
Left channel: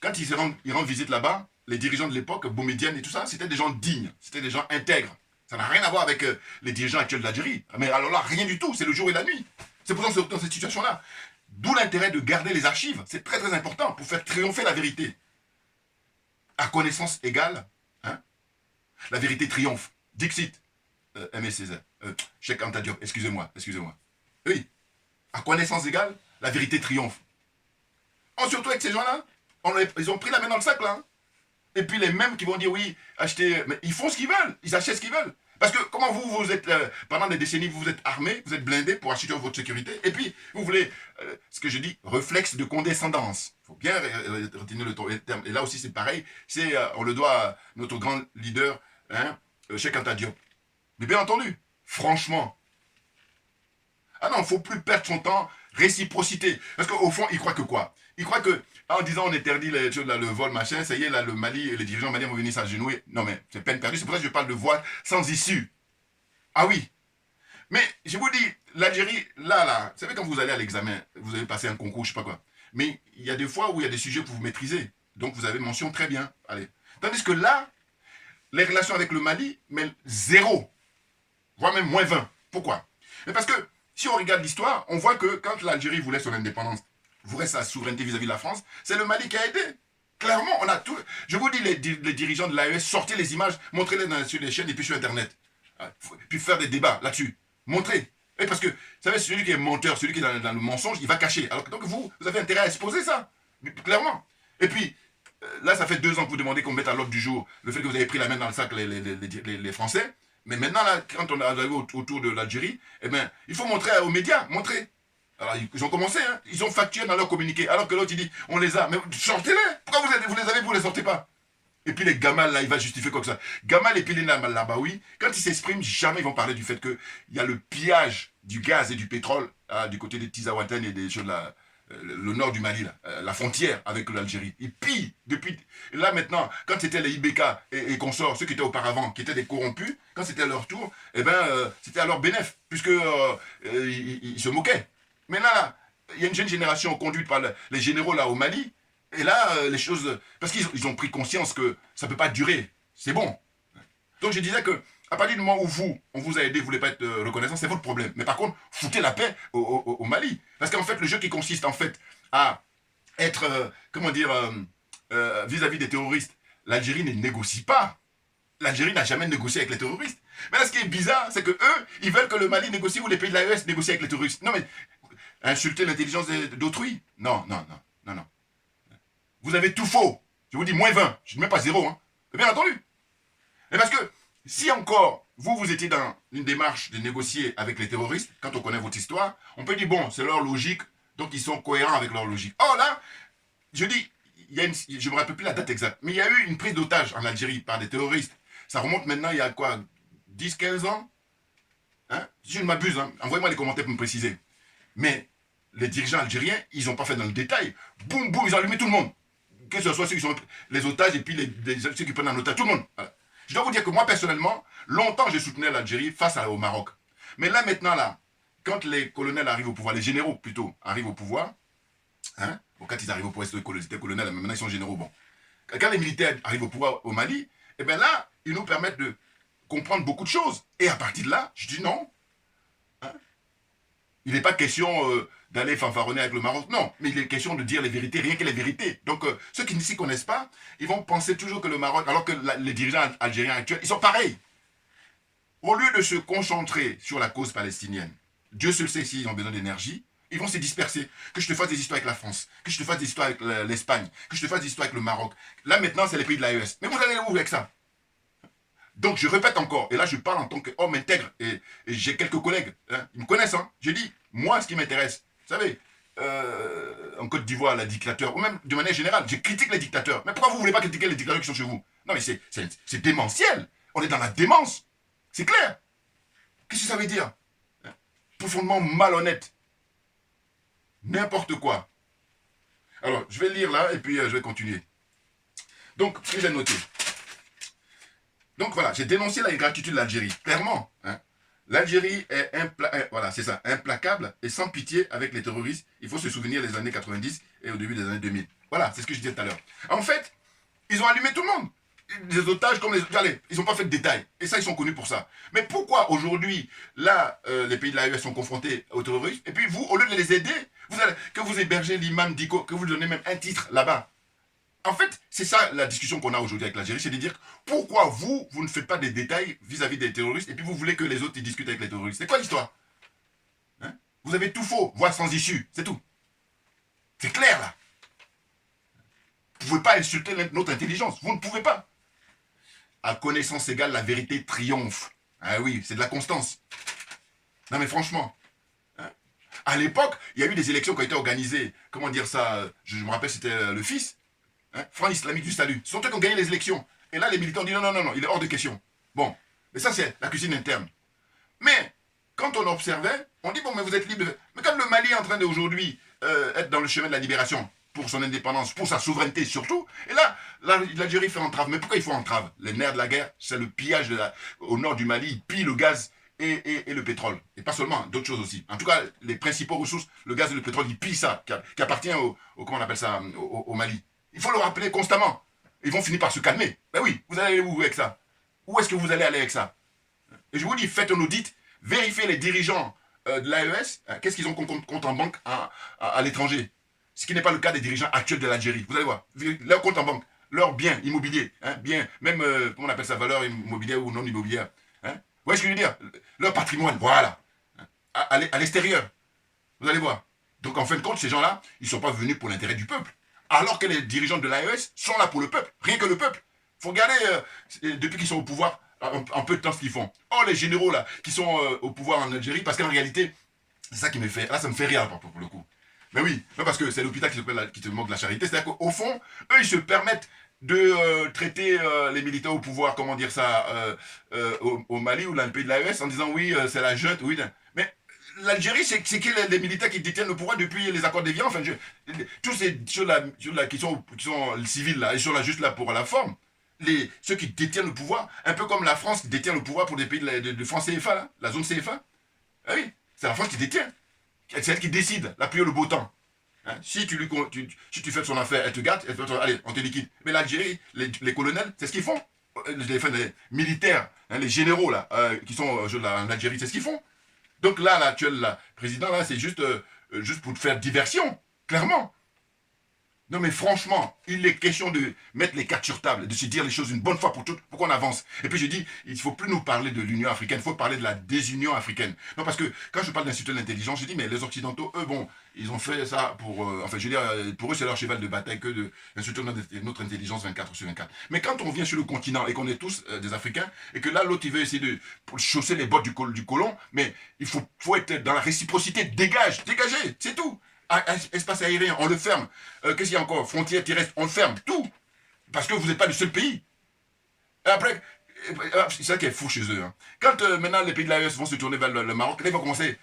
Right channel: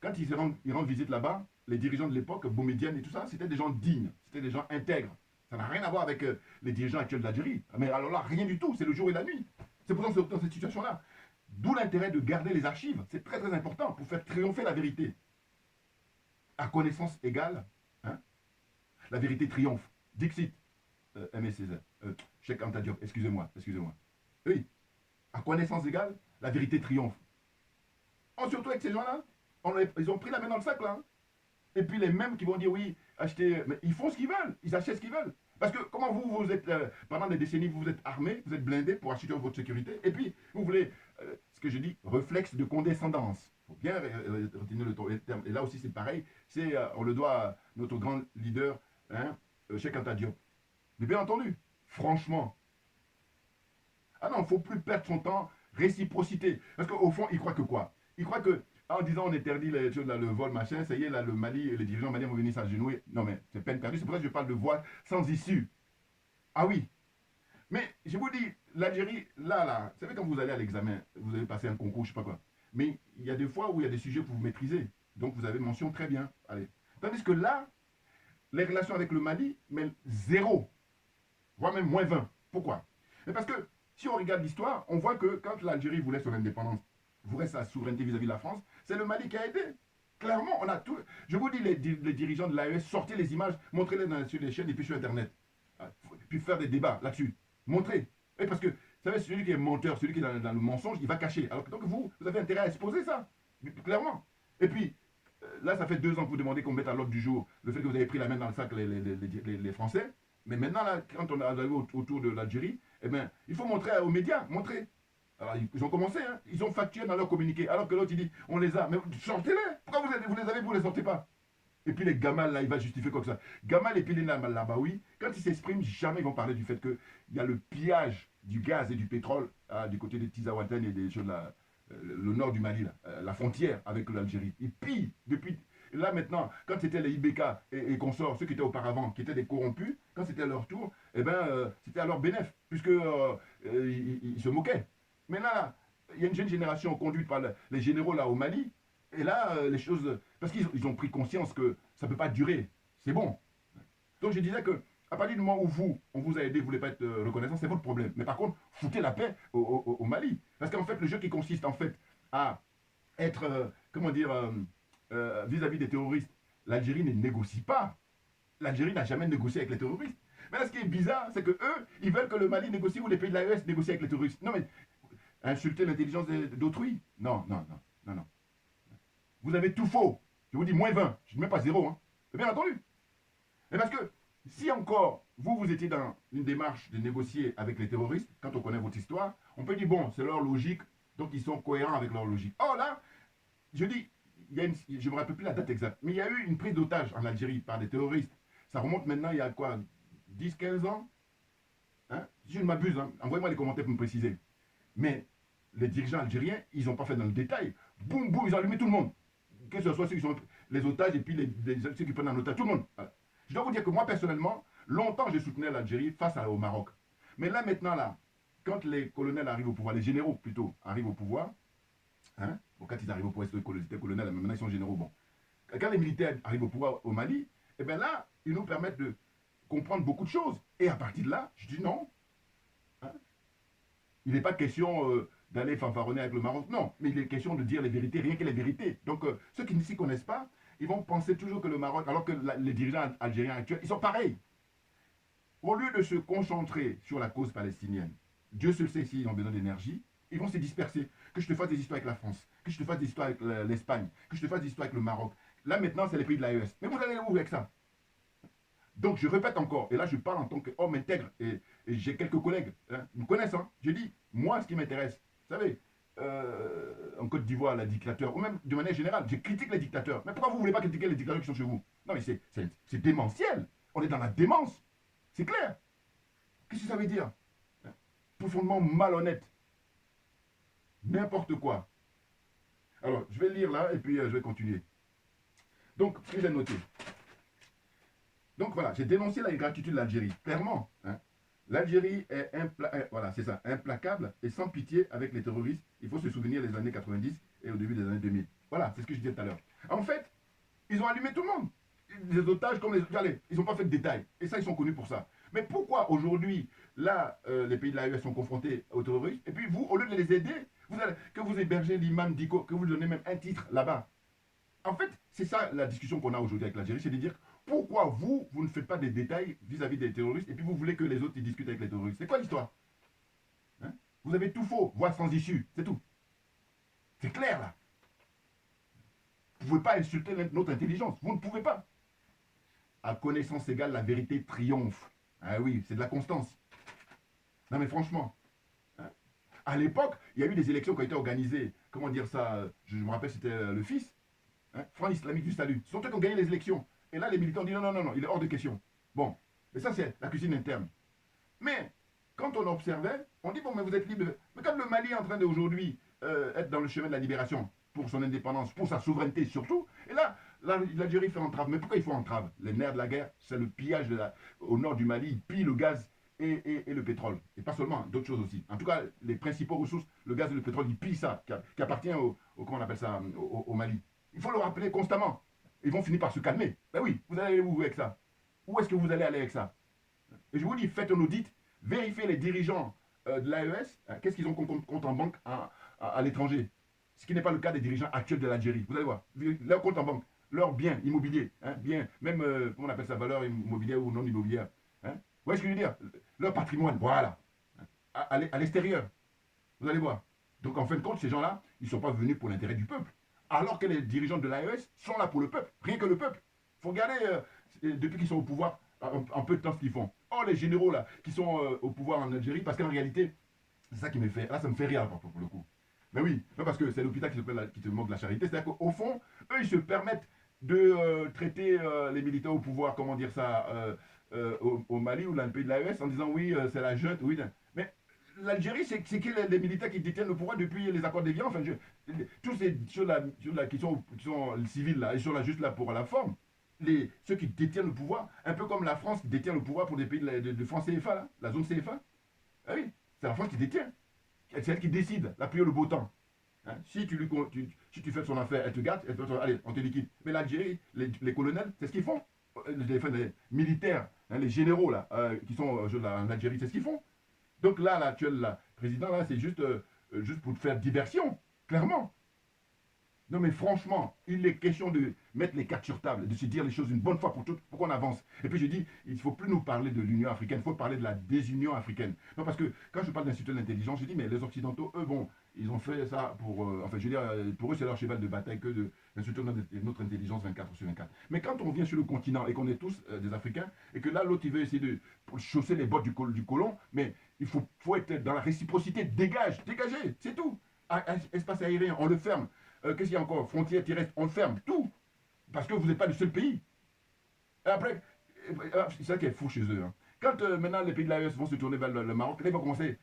quand il rend visite là-bas, les dirigeants de l'époque, Boumedienne et tout ça, c'était des gens dignes, c'était des gens intègres. Ça n'a rien à voir avec les dirigeants actuels de l'Algérie. Mais alors là, rien du tout, c'est le jour et la nuit. C'est pour ça que dans cette situation-là. D'où l'intérêt de garder les archives. C'est très très important pour faire triompher la vérité. À connaissance égale, hein, la vérité triomphe. Dixit, Aimé Césaire, Cheikh Anta Diop, excusez-moi. Oui, à connaissance égale, la vérité triomphe. Surtout avec ces gens-là, ils ont pris la main dans le sac là. Hein. Et puis les mêmes qui vont dire oui, acheter, mais ils font ce qu'ils veulent, ils achètent ce qu'ils veulent. Parce que comment vous êtes, pendant des décennies, vous êtes armés, vous êtes blindés pour assurer votre sécurité, et puis vous voulez, ce que je dis, réflexe de condescendance. Il faut bien retenir le terme. Et là aussi c'est pareil, on le doit à notre grand leader, hein, Cheikh Anta Diop. Mais bien entendu, franchement, ah non, il ne faut plus perdre son temps, réciprocité. Parce qu'au fond, il croit que quoi? Il croit que, en disant on interdit les choses, là, le vol, machin, ça y est, là, le Mali, les dirigeants maliens vont venir s'agenouiller. Non, mais c'est peine perdue. C'est pour ça que je parle de voie sans issue. Ah oui. Mais je vous dis, l'Algérie, là, vous savez quand vous allez à l'examen, vous avez passé un concours, je sais pas quoi. Mais il y a des fois où il y a des sujets que vous maîtrisez. Donc vous avez mention très bien. Allez. Tandis que là, les relations avec le Mali, mais zéro, voire même moins 20. Pourquoi? Mais parce que si on regarde l'histoire, on voit que quand l'Algérie voulait son indépendance, voulait sa souveraineté vis-à-vis de la France, c'est le Mali qui a aidé. Clairement, on a tout. Je vous dis, les dirigeants de l'AES, sortez les images, montrez-les sur les chaînes et puis sur Internet. Puis faire des débats là-dessus. Montrez. Et parce que, vous savez, celui qui est menteur, celui qui est dans le mensonge, il va cacher. Alors que donc vous avez intérêt à exposer ça. Clairement. Et puis, là, ça fait 2 ans que vous demandez qu'on mette à l'ordre du jour le fait que vous avez pris la main dans le sac les Français. Mais maintenant, là, quand on est arrivé autour de l'Algérie, eh bien, il faut montrer aux médias, montrer. Alors, ils ont commencé, hein, ils ont facturé dans leur communiqué, alors que l'autre, il dit, on les a, mais sortez-les. Pourquoi vous les avez, vous les sortez pas? Et puis les Gamal, là, il va justifier quoi que ça. Gamal et puis les Labaoui, quand ils s'expriment, jamais ils vont parler du fait qu'il y a le pillage du gaz et du pétrole du côté des Tizaouaten et des choses là, le nord du Mali, là, la frontière avec l'Algérie. Ils pillent depuis. Là maintenant, quand c'était les IBK et consorts, ceux qui étaient auparavant, qui étaient des corrompus, quand c'était à leur tour, eh ben, c'était à leur bénéfice, puisque ils se moquaient. Mais là, il y a une jeune génération conduite par les généraux là au Mali. Et là, les choses... Parce qu'ils ont pris conscience que ça ne peut pas durer. C'est bon. Donc je disais que à partir du moment où on vous a aidé, vous ne voulez pas être reconnaissant, c'est votre problème. Mais par contre, foutez la paix au Mali. Parce qu'en fait, le jeu qui consiste en fait à être, comment dire, vis-à-vis des terroristes, l'Algérie ne négocie pas. L'Algérie n'a jamais négocié avec les terroristes. Mais là, ce qui est bizarre, c'est que eux, ils veulent que le Mali négocie ou les pays de l'AES négocient avec les terroristes. Non mais, insulter l'intelligence d'autrui? Non, non, non, non, non. Vous avez tout faux. Je vous dis moins 20. Je ne dis même pas 0. Hein. Bien entendu. Mais parce que si encore vous étiez dans une démarche de négocier avec les terroristes, quand on connaît votre histoire, on peut dire bon, c'est leur logique, donc ils sont cohérents avec leur logique. Or là, je dis, je ne me rappelle plus la date exacte, mais il y a eu une prise d'otage en Algérie par des terroristes. Ça remonte maintenant il y a quoi, 10-15 ans, hein? Si je ne m'abuse, hein, envoyez-moi les commentaires pour me préciser. Mais les dirigeants algériens, ils n'ont pas fait dans le détail. Boum, boum, ils ont allumé tout le monde. Que ce soit ceux qui sont les otages et puis ceux qui prennent en otage, tout le monde. Voilà. Je dois vous dire que moi, personnellement, longtemps, je soutenais l'Algérie face au Maroc. Mais là, maintenant, là, quand les colonels arrivent au pouvoir, les généraux plutôt, arrivent au pouvoir, hein, bon, quand ils arrivent au pouvoir, c'était colonels, maintenant ils sont généraux, bon. Quand les militaires arrivent au pouvoir au Mali, eh bien là, ils nous permettent de comprendre beaucoup de choses. Et à partir de là, je dis non. Hein, il n'est pas question d'aller fanfaronner avec le Maroc. Non, mais il est question de dire les vérités, rien que les vérités. Donc, ceux qui ne s'y connaissent pas, ils vont penser toujours que le Maroc, alors que les dirigeants algériens actuels, ils sont pareils. Au lieu de se concentrer sur la cause palestinienne, Dieu seul sait s'ils ont besoin d'énergie, ils vont se disperser. Que je te fasse des histoires avec la France, que je te fasse des histoires avec l'Espagne, que je te fasse des histoires avec le Maroc. Là, maintenant, c'est les pays de l'AES. Mais vous allez où avec ça? Donc, je répète encore, et là, je parle en tant qu'homme intègre, et j'ai quelques collègues, hein, ils me connaissent, hein. J'ai dit, moi, ce qui m'intéresse, vous savez, en Côte d'Ivoire, la dictateur, ou même de manière générale, je critique les dictateurs. Mais pourquoi vous ne voulez pas critiquer les dictateurs qui sont chez vous? Non, mais c'est démentiel. On est dans la démence. C'est clair. Qu'est-ce que ça veut dire? Profondément malhonnête. N'importe quoi. Alors, je vais lire là, et puis je vais continuer. Donc, ce que j'ai noté. Donc voilà, j'ai dénoncé l'ingratitude de l'Algérie, clairement. Hein. L'Algérie est voilà, c'est ça, implacable et sans pitié avec les terroristes. Il faut se souvenir des années 90 et au début des années 2000. Voilà, c'est ce que je disais tout à l'heure. En fait, ils ont allumé tout le monde. Des otages comme les... Allez, ils n'ont pas fait de détails. Et ça, ils sont connus pour ça. Mais pourquoi aujourd'hui, là, les pays de l'AES sont confrontés aux terroristes, et puis vous, au lieu de les aider, que vous hébergez l'imam Diko, que vous lui donnez même un titre là-bas. En fait, c'est ça la discussion qu'on a aujourd'hui avec l'Algérie, c'est de dire pourquoi vous ne faites pas des détails vis-à-vis des terroristes et puis vous voulez que les autres ils discutent avec les terroristes. C'est quoi l'histoire? Hein? Vous avez tout faux, voire sans issue, c'est tout. C'est clair là. Vous ne pouvez pas insulter notre intelligence, vous ne pouvez pas. À connaissance égale, la vérité triomphe. Ah oui, c'est de la constance. Non mais franchement. Hein? À l'époque, il y a eu des élections qui ont été organisées. Comment dire ça? Je me rappelle, c'était le fils. Hein, Front islamique du salut. Ce sont eux qui ont gagné les élections. Et là, les militants disent non, non, non, non, il est hors de question. Bon, mais ça, c'est la cuisine interne. Mais, quand on observait, on dit, bon, mais vous êtes libre. Mais quand le Mali est en train d'aujourd'hui être dans le chemin de la libération, pour son indépendance, pour sa souveraineté surtout, et là, l'Algérie fait entrave. Mais pourquoi il faut entrave? Les nerfs de la guerre, c'est le pillage au nord du Mali. Ils pillent le gaz et le pétrole. Et pas seulement, d'autres choses aussi. En tout cas, les principaux ressources, le gaz et le pétrole, ils pillent ça, qui appartient comment on appelle ça, au Mali. Il faut le rappeler constamment. Ils vont finir par se calmer. Ben oui, vous allez aller où avec ça? Où est-ce que vous allez aller avec ça? Et je vous dis, faites un audit, vérifiez les dirigeants de l'AES, qu'est-ce qu'ils ont compte en banque à l'étranger. Ce qui n'est pas le cas des dirigeants actuels de l'Algérie. Vous allez voir, leur compte en banque, leurs biens immobiliers, bien, même, comment on appelle ça, valeur immobilière ou non immobilière. Vous voyez ce que je veux dire? Leur patrimoine, voilà, à l'extérieur. Vous allez voir. Donc en fin de compte, ces gens-là, ils ne sont pas venus pour l'intérêt du peuple. Alors que les dirigeants de l'AES sont là pour le peuple, rien que le peuple. Il faut regarder, depuis qu'ils sont au pouvoir, en peu de temps ce qu'ils font. Oh, les généraux là, qui sont au pouvoir en Algérie, parce qu'en réalité, c'est ça qui me fait, là ça me fait rire pour le coup. Mais oui, non, parce que c'est l'hôpital qui te manque de la charité, c'est-à-dire qu'au fond, eux ils se permettent de traiter les militaires au pouvoir, comment dire ça, au Mali ou dans le pays de l'AES, en disant oui, c'est la junte, oui, mais l'Algérie, c'est qui les militaires qui détiennent le pouvoir depuis les accords d'Évian, enfin, tous ces choses-là qui sont civils, là, ils sont là juste là pour la forme. Ceux qui détiennent le pouvoir, un peu comme la France qui détient le pouvoir pour des pays de France CFA, là, la zone CFA. Ah oui, c'est la France qui détient. C'est elle qui décide, la pluie ou le beau temps. Hein? Si tu fais son affaire, elle te gâte, allez, on te liquide. Mais l'Algérie, les colonels, c'est ce qu'ils font. Les militaires, hein, les généraux là, qui sont en Algérie, c'est ce qu'ils font. Donc là, l'actuel président, là, c'est juste pour te faire diversion, clairement. Non mais franchement, il est question de mettre les cartes sur table, de se dire les choses une bonne fois pour toutes, pour qu'on avance. Et puis je dis, il ne faut plus nous parler de l'Union africaine, il faut parler de la désunion africaine. Non parce que quand je parle d'institut de l'intelligence, je dis mais les Occidentaux, eux, bon, ils ont fait ça pour, enfin je veux dire, pour eux c'est leur cheval de bataille que d'insulter notre intelligence 24 sur 24. Mais quand on vient sur le continent et qu'on est tous des Africains, et que là l'autre il veut essayer de chausser les bottes du colon, mais il faut être dans la réciprocité, dégagez, c'est tout. Espace aérien, on le ferme. Qu'est-ce qu'il y a encore? Frontières terrestres, on le ferme. Tout. Parce que vous n'êtes pas le seul pays. Et après, c'est ça qui est fou chez eux. Hein. Quand maintenant les pays de l'AES vont se tourner vers le Maroc, là ils vont commencer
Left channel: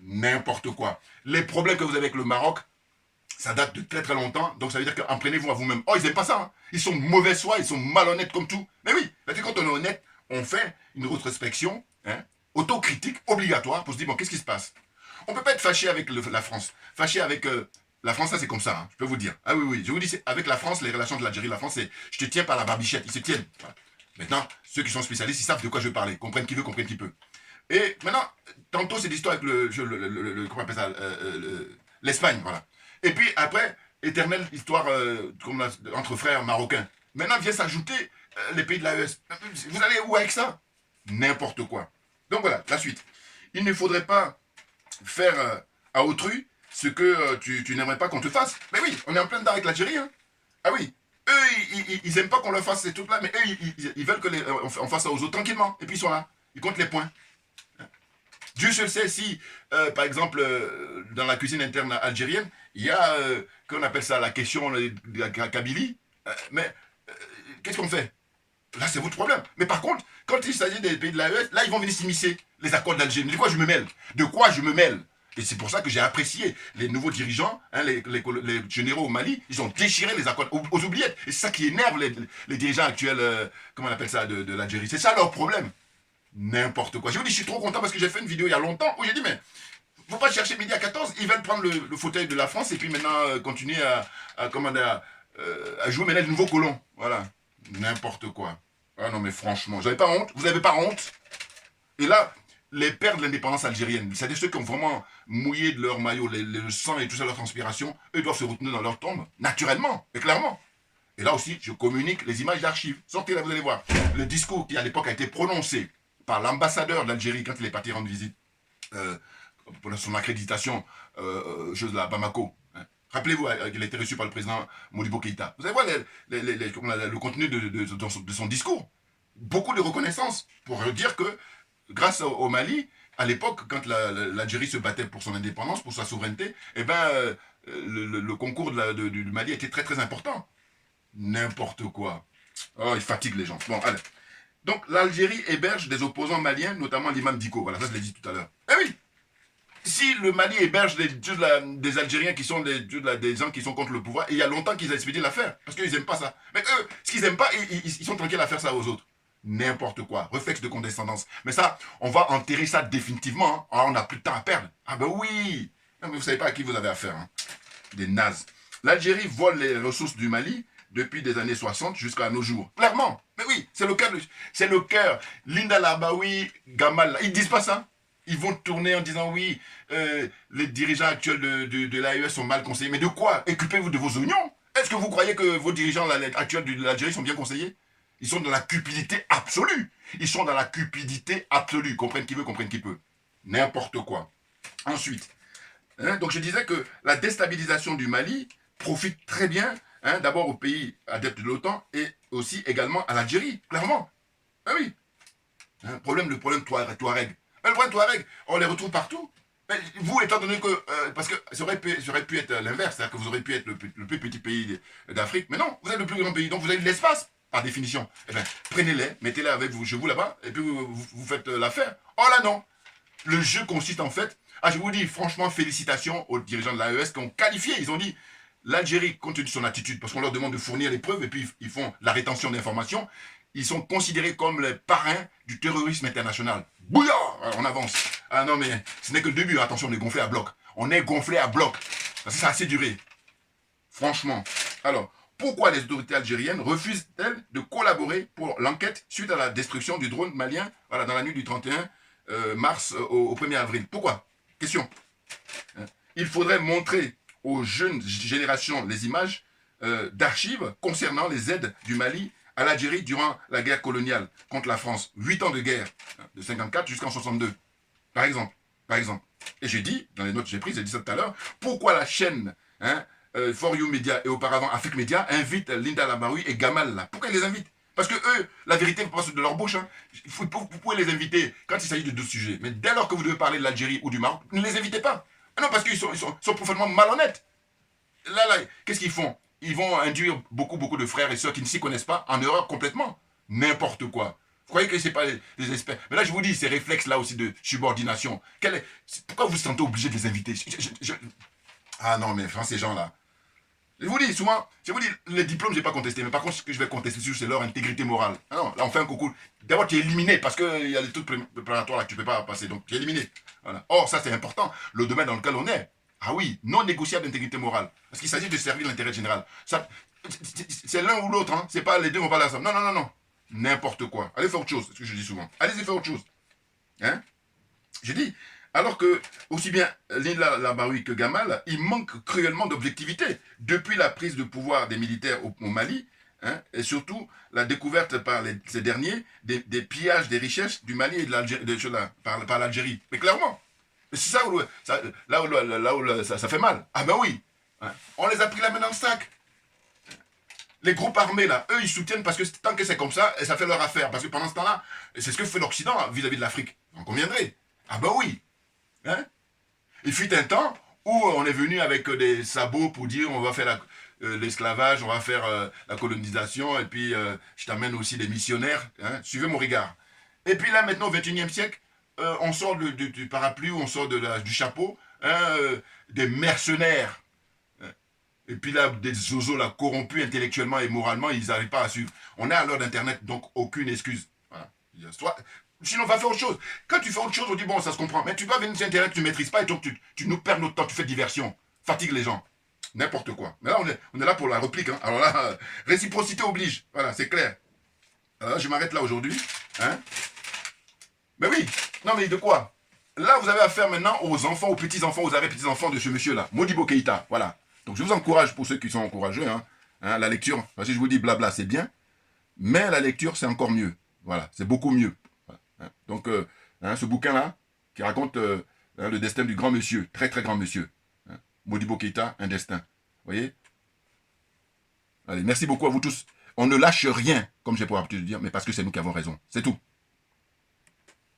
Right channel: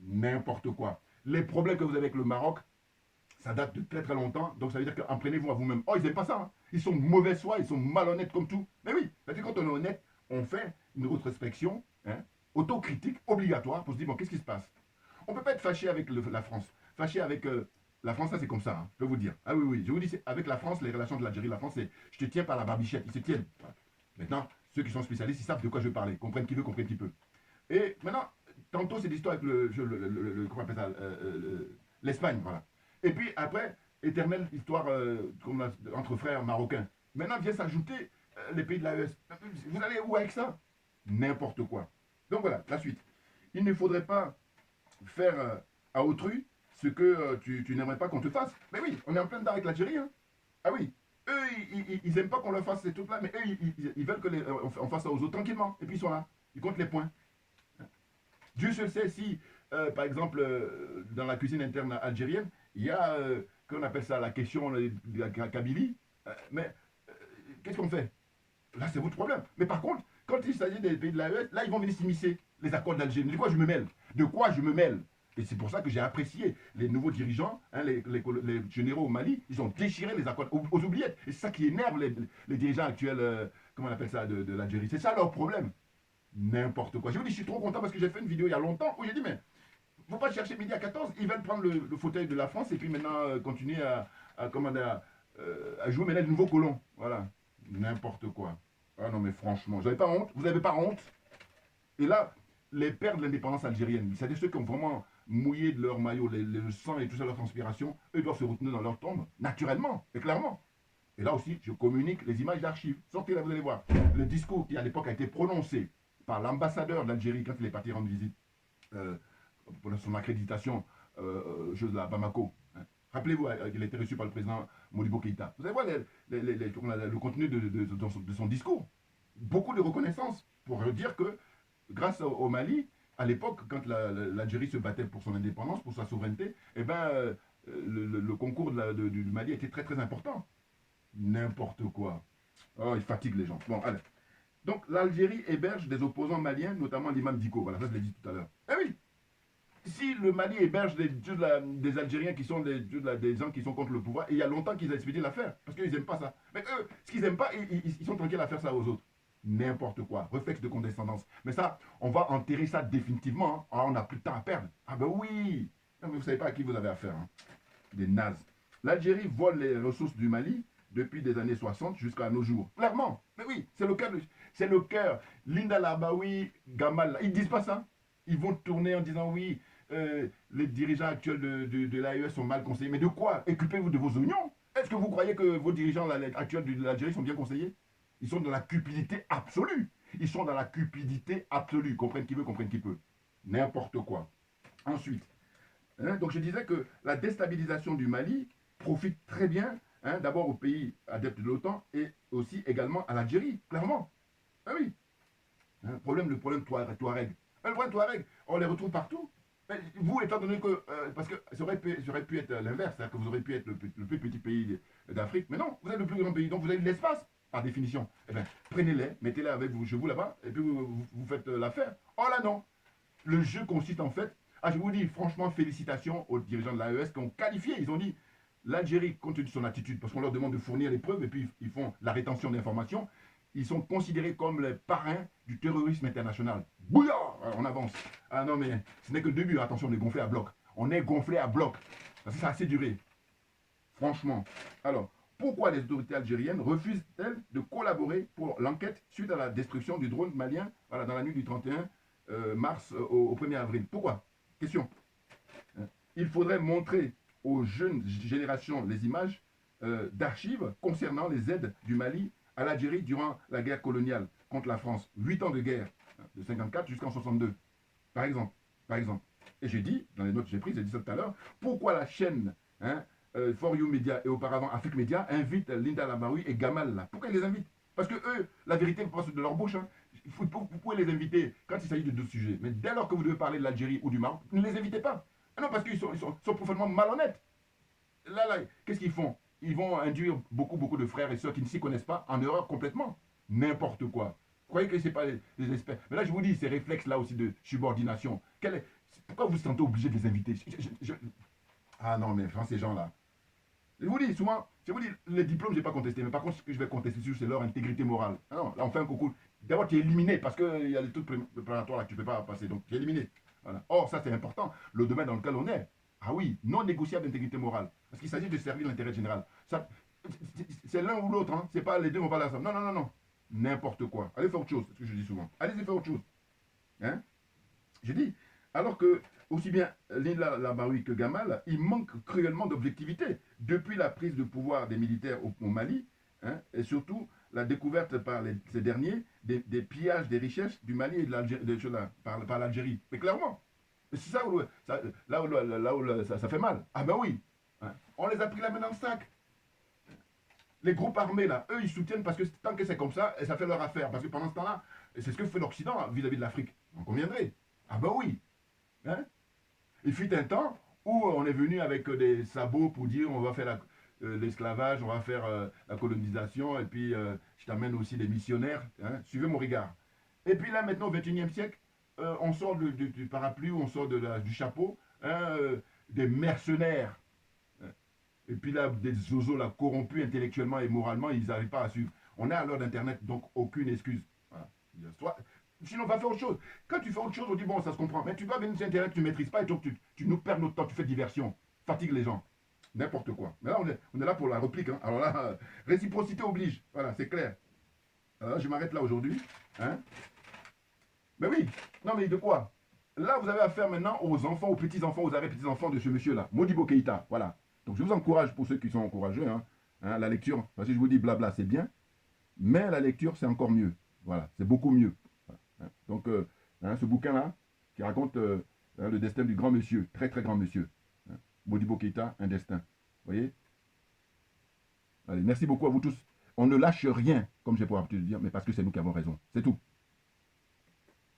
n'importe quoi. Les problèmes que vous avez avec le Maroc, ça date de très très longtemps. Donc ça veut dire qu'en prenez-vous à vous-même. Oh, ils n'aiment pas ça. Hein. Ils sont mauvais foi, ils sont malhonnêtes comme tout. Mais oui, parce que quand on est honnête, on fait une rétrospection, hein, autocritique, obligatoire, pour se dire, bon, qu'est-ce qui se passe? On ne peut pas être fâché avec la France. Fâché avec la France, ça c'est comme ça, hein, je peux vous dire. Ah oui, oui, je vous dis, avec la France, les relations de l'Algérie, la France, c'est je te tiens par la barbichette, ils se tiennent. Voilà. Maintenant, ceux qui sont spécialistes, ils savent de quoi je veux parler. Comprennent qui veut, comprennent qui peut. Et maintenant, tantôt c'est l'histoire avec comment on appelle ça, l'Espagne, voilà. Et puis après, éternelle histoire entre frères marocains. Maintenant vient s'ajouter les pays de l'AES. Vous allez où avec ça? N'importe quoi. Donc voilà, la suite. Il ne faudrait pas faire à autrui ce que tu n'aimerais pas qu'on te fasse. Mais oui, on est en plein dedans avec l'Algérie. Hein. Ah oui, eux, ils n'aiment pas qu'on leur fasse ces trucs-là, mais eux, ils veulent qu'on fasse ça aux autres tranquillement. Et puis ils sont là, ils comptent les points. Dieu seul sait si, par exemple, dans la cuisine interne algérienne, il y a, qu'on appelle ça, la question de la Kabylie. Mais qu'est-ce qu'on fait? Là, c'est votre problème. Mais par contre, quand il s'agit des pays de l'AES, là, ils vont venir s'immiscer. Les accords d'Alger. De quoi je me mêle? De quoi je me mêle? Et c'est pour ça que j'ai apprécié les nouveaux dirigeants, hein, les généraux au Mali, ils ont déchiré les accords aux oubliettes. Et c'est ça qui énerve les dirigeants actuels, comment on appelle ça, de l'Algérie. C'est ça leur problème. N'importe quoi. Je vous dis, je suis trop content parce que j'ai fait une vidéo il y a longtemps où j'ai dit, mais faut pas chercher midi à 14, ils veulent prendre le fauteuil de la France et puis maintenant continuer à jouer maintenant de nouveaux colons. Voilà. N'importe quoi. Ah non mais franchement, vous n'avez pas honte? Vous n'avez pas honte? Et là, les pères de l'indépendance algérienne, c'est-à-dire ceux qui ont vraiment mouillé de leur maillot, le sang et tout ça, leur transpiration, eux doivent se retenir dans leur tombe, naturellement et clairement. Et là aussi, je communique les images d'archives. Sortez là, vous allez voir. Le discours qui à l'époque a été prononcé par l'ambassadeur d'Algérie quand il est parti rendre visite pour son accréditation à Bamako. Hein. Rappelez-vous qu'il a été reçu par le président Modibo Keïta. Vous allez voir le contenu de son discours. Beaucoup de reconnaissance pour dire que grâce au Mali, à l'époque, quand l'Algérie se battait pour son indépendance, pour sa souveraineté, eh ben, le concours du Mali était très très important. N'importe quoi. Oh, il fatigue les gens. Bon, allez. Donc, l'Algérie héberge des opposants maliens, notamment l'imam Diko. Voilà, ça je l'ai dit tout à l'heure. Eh oui! Si le Mali héberge des Algériens qui sont des gens qui sont contre le pouvoir, et il y a longtemps qu'ils ont expédié l'affaire, parce qu'ils n'aiment pas ça. Mais eux, ce qu'ils n'aiment pas, ils sont tranquilles à faire ça aux autres. N'importe quoi. Réflexe de condescendance. Mais ça, on va enterrer ça définitivement. Hein. Alors, on n'a plus de temps à perdre. Ah ben oui. Non, mais vous ne savez pas à qui vous avez affaire. Hein. Des nazes. L'Algérie vole les ressources du Mali depuis des années 60 jusqu'à nos jours. Clairement. Mais oui, c'est le cœur. C'est le cœur. Linda Labaoui, Gamal, ils disent pas ça. Ils vont tourner en disant oui, les dirigeants actuels de l'AES sont mal conseillés. Mais de quoi? Occupez-vous de vos oignons. Est-ce que vous croyez que vos dirigeants actuels de l'Algérie sont bien conseillés? Ils sont dans la cupidité absolue. Ils sont dans la cupidité absolue. Comprenne qui veut, comprenne qui peut. N'importe quoi. Ensuite, hein, donc je disais que la déstabilisation du Mali profite très bien, hein, d'abord aux pays adeptes de l'OTAN et aussi également à l'Algérie, clairement. Ah oui. Hein, le problème Touareg. Mais le problème Touareg, on les retrouve partout. Mais vous, étant donné que... parce que ça aurait pu être l'inverse, c'est-à-dire que vous auriez pu être le plus petit pays d'Afrique, mais non, vous êtes le plus grand pays, donc vous avez de l'espace, par définition. Eh bien, prenez-les, mettez-les avec vous, chez vous là-bas, et puis vous faites l'affaire. Oh là non. Le jeu consiste en fait... Ah, je vous dis, franchement, félicitations aux dirigeants de l'AES qui ont qualifié. Ils ont dit, l'Algérie, compte tenu de son attitude, parce qu'on leur demande de fournir les preuves, et puis ils font la rétention d'informations, ils sont considérés comme les parrains du terrorisme international. Bouillard! Alors on avance. Ah non, mais ce n'est que le début. Attention, on est gonflé à bloc. On est gonflé à bloc. Parce que ça a assez duré. Franchement. Alors, pourquoi les autorités algériennes refusent-elles de collaborer pour l'enquête suite à la destruction du drone malien, voilà, dans la nuit du 31 mars au 1er avril? Pourquoi? Question. Il faudrait montrer aux jeunes générations les images d'archives concernant les aides du Mali à l'Algérie durant la guerre coloniale contre la France. 8 ans de guerre, de 54 jusqu'en 62, par exemple. Et j'ai dit, dans les notes que j'ai prises, j'ai dit ça tout à l'heure, pourquoi la chaîne For You Media et auparavant Afrique Media invite Linda Labaoui et Gamal là? Pourquoi ils les invitent? Parce que eux, la vérité passe de leur bouche. Hein. Vous pouvez les inviter quand il s'agit de deux sujets. Mais dès lors que vous devez parler de l'Algérie ou du Maroc, ne les invitez pas. Non, parce qu'ils sont profondément malhonnêtes. Là, qu'est-ce qu'ils font? Ils vont induire beaucoup de frères et sœurs qui ne s'y connaissent pas en erreur complètement. N'importe quoi. Vous croyez que ce n'est pas des experts? Mais là, je vous dis, ces réflexes-là aussi de subordination. Pourquoi vous vous sentez obligé de les inviter? Ah non, mais enfin, ces gens-là. Je vous dis, souvent, les diplômes, je n'ai pas contesté. Mais par contre, ce que je vais contester, c'est leur intégrité morale. Ah non, là, on fait un concours. D'abord, tu es éliminé parce qu'il y a des trucs préparatoires là que tu ne peux pas passer. Donc, tu es éliminé. Voilà. Or, ça, c'est important. Le domaine dans lequel on est. Ah oui, non négociable d'intégrité morale. Parce qu'il s'agit de servir l'intérêt général. C'est l'un ou l'autre. Hein. C'est pas les deux vont pas la somme. Non. N'importe quoi. Allez faire autre chose. C'est ce que je dis souvent. Allez-y faire autre chose. Hein? Je dis, alors que, aussi bien Linda Labaoui que Gamal, il manque cruellement d'objectivité. Depuis la prise de pouvoir des militaires au Mali, hein, et surtout la découverte par ces derniers des pillages des richesses du Mali et de l'Algérie, par l'Algérie. Mais clairement. C'est ça où ça fait mal. Ah ben oui. Hein. On les a pris la main dans le sac. Les groupes armés, là, eux, ils soutiennent parce que tant que c'est comme ça, et ça fait leur affaire. Parce que pendant ce temps-là, c'est ce que fait l'Occident vis-à-vis de l'Afrique. On conviendrait. Ah ben oui. Hein? Il fut un temps où on est venu avec des sabots pour dire on va faire l'esclavage, on va faire la colonisation, et puis je t'amène aussi des missionnaires. Hein? Suivez mon regard. Et puis là, maintenant, au XXIe siècle, on sort du parapluie, on sort du chapeau, hein, des mercenaires. Et puis là, des zozos là, corrompus intellectuellement et moralement, ils n'arrivent pas à suivre. On est à l'heure d'Internet, donc aucune excuse. Voilà. Sinon, on va faire autre chose. Quand tu fais autre chose, on dit bon, ça se comprend. Mais tu vas venir sur Internet, tu ne maîtrises pas, et donc tu nous perds notre temps, tu fais diversion. Fatigue les gens. N'importe quoi. Mais là, on est là pour la réplique. Hein. Alors là, réciprocité oblige. Voilà, c'est clair. Alors là, je m'arrête là aujourd'hui. Hein. Mais oui, non mais de quoi? Là, vous avez affaire maintenant aux enfants, aux petits-enfants, aux arrière-petits-enfants de ce monsieur-là, Modibo Keïta, voilà. Donc je vous encourage, pour ceux qui sont courageux, hein, la lecture, parce que je vous dis blabla, c'est bien, mais la lecture, c'est encore mieux. Voilà, c'est beaucoup mieux. Voilà, hein. Donc, ce bouquin-là, qui raconte le destin du grand monsieur, très très grand monsieur, hein, Modibo Keïta, un destin. Vous voyez? Allez, merci beaucoup à vous tous. On ne lâche rien, comme j'ai pour habitude de dire, mais parce que c'est nous qui avons raison. C'est tout.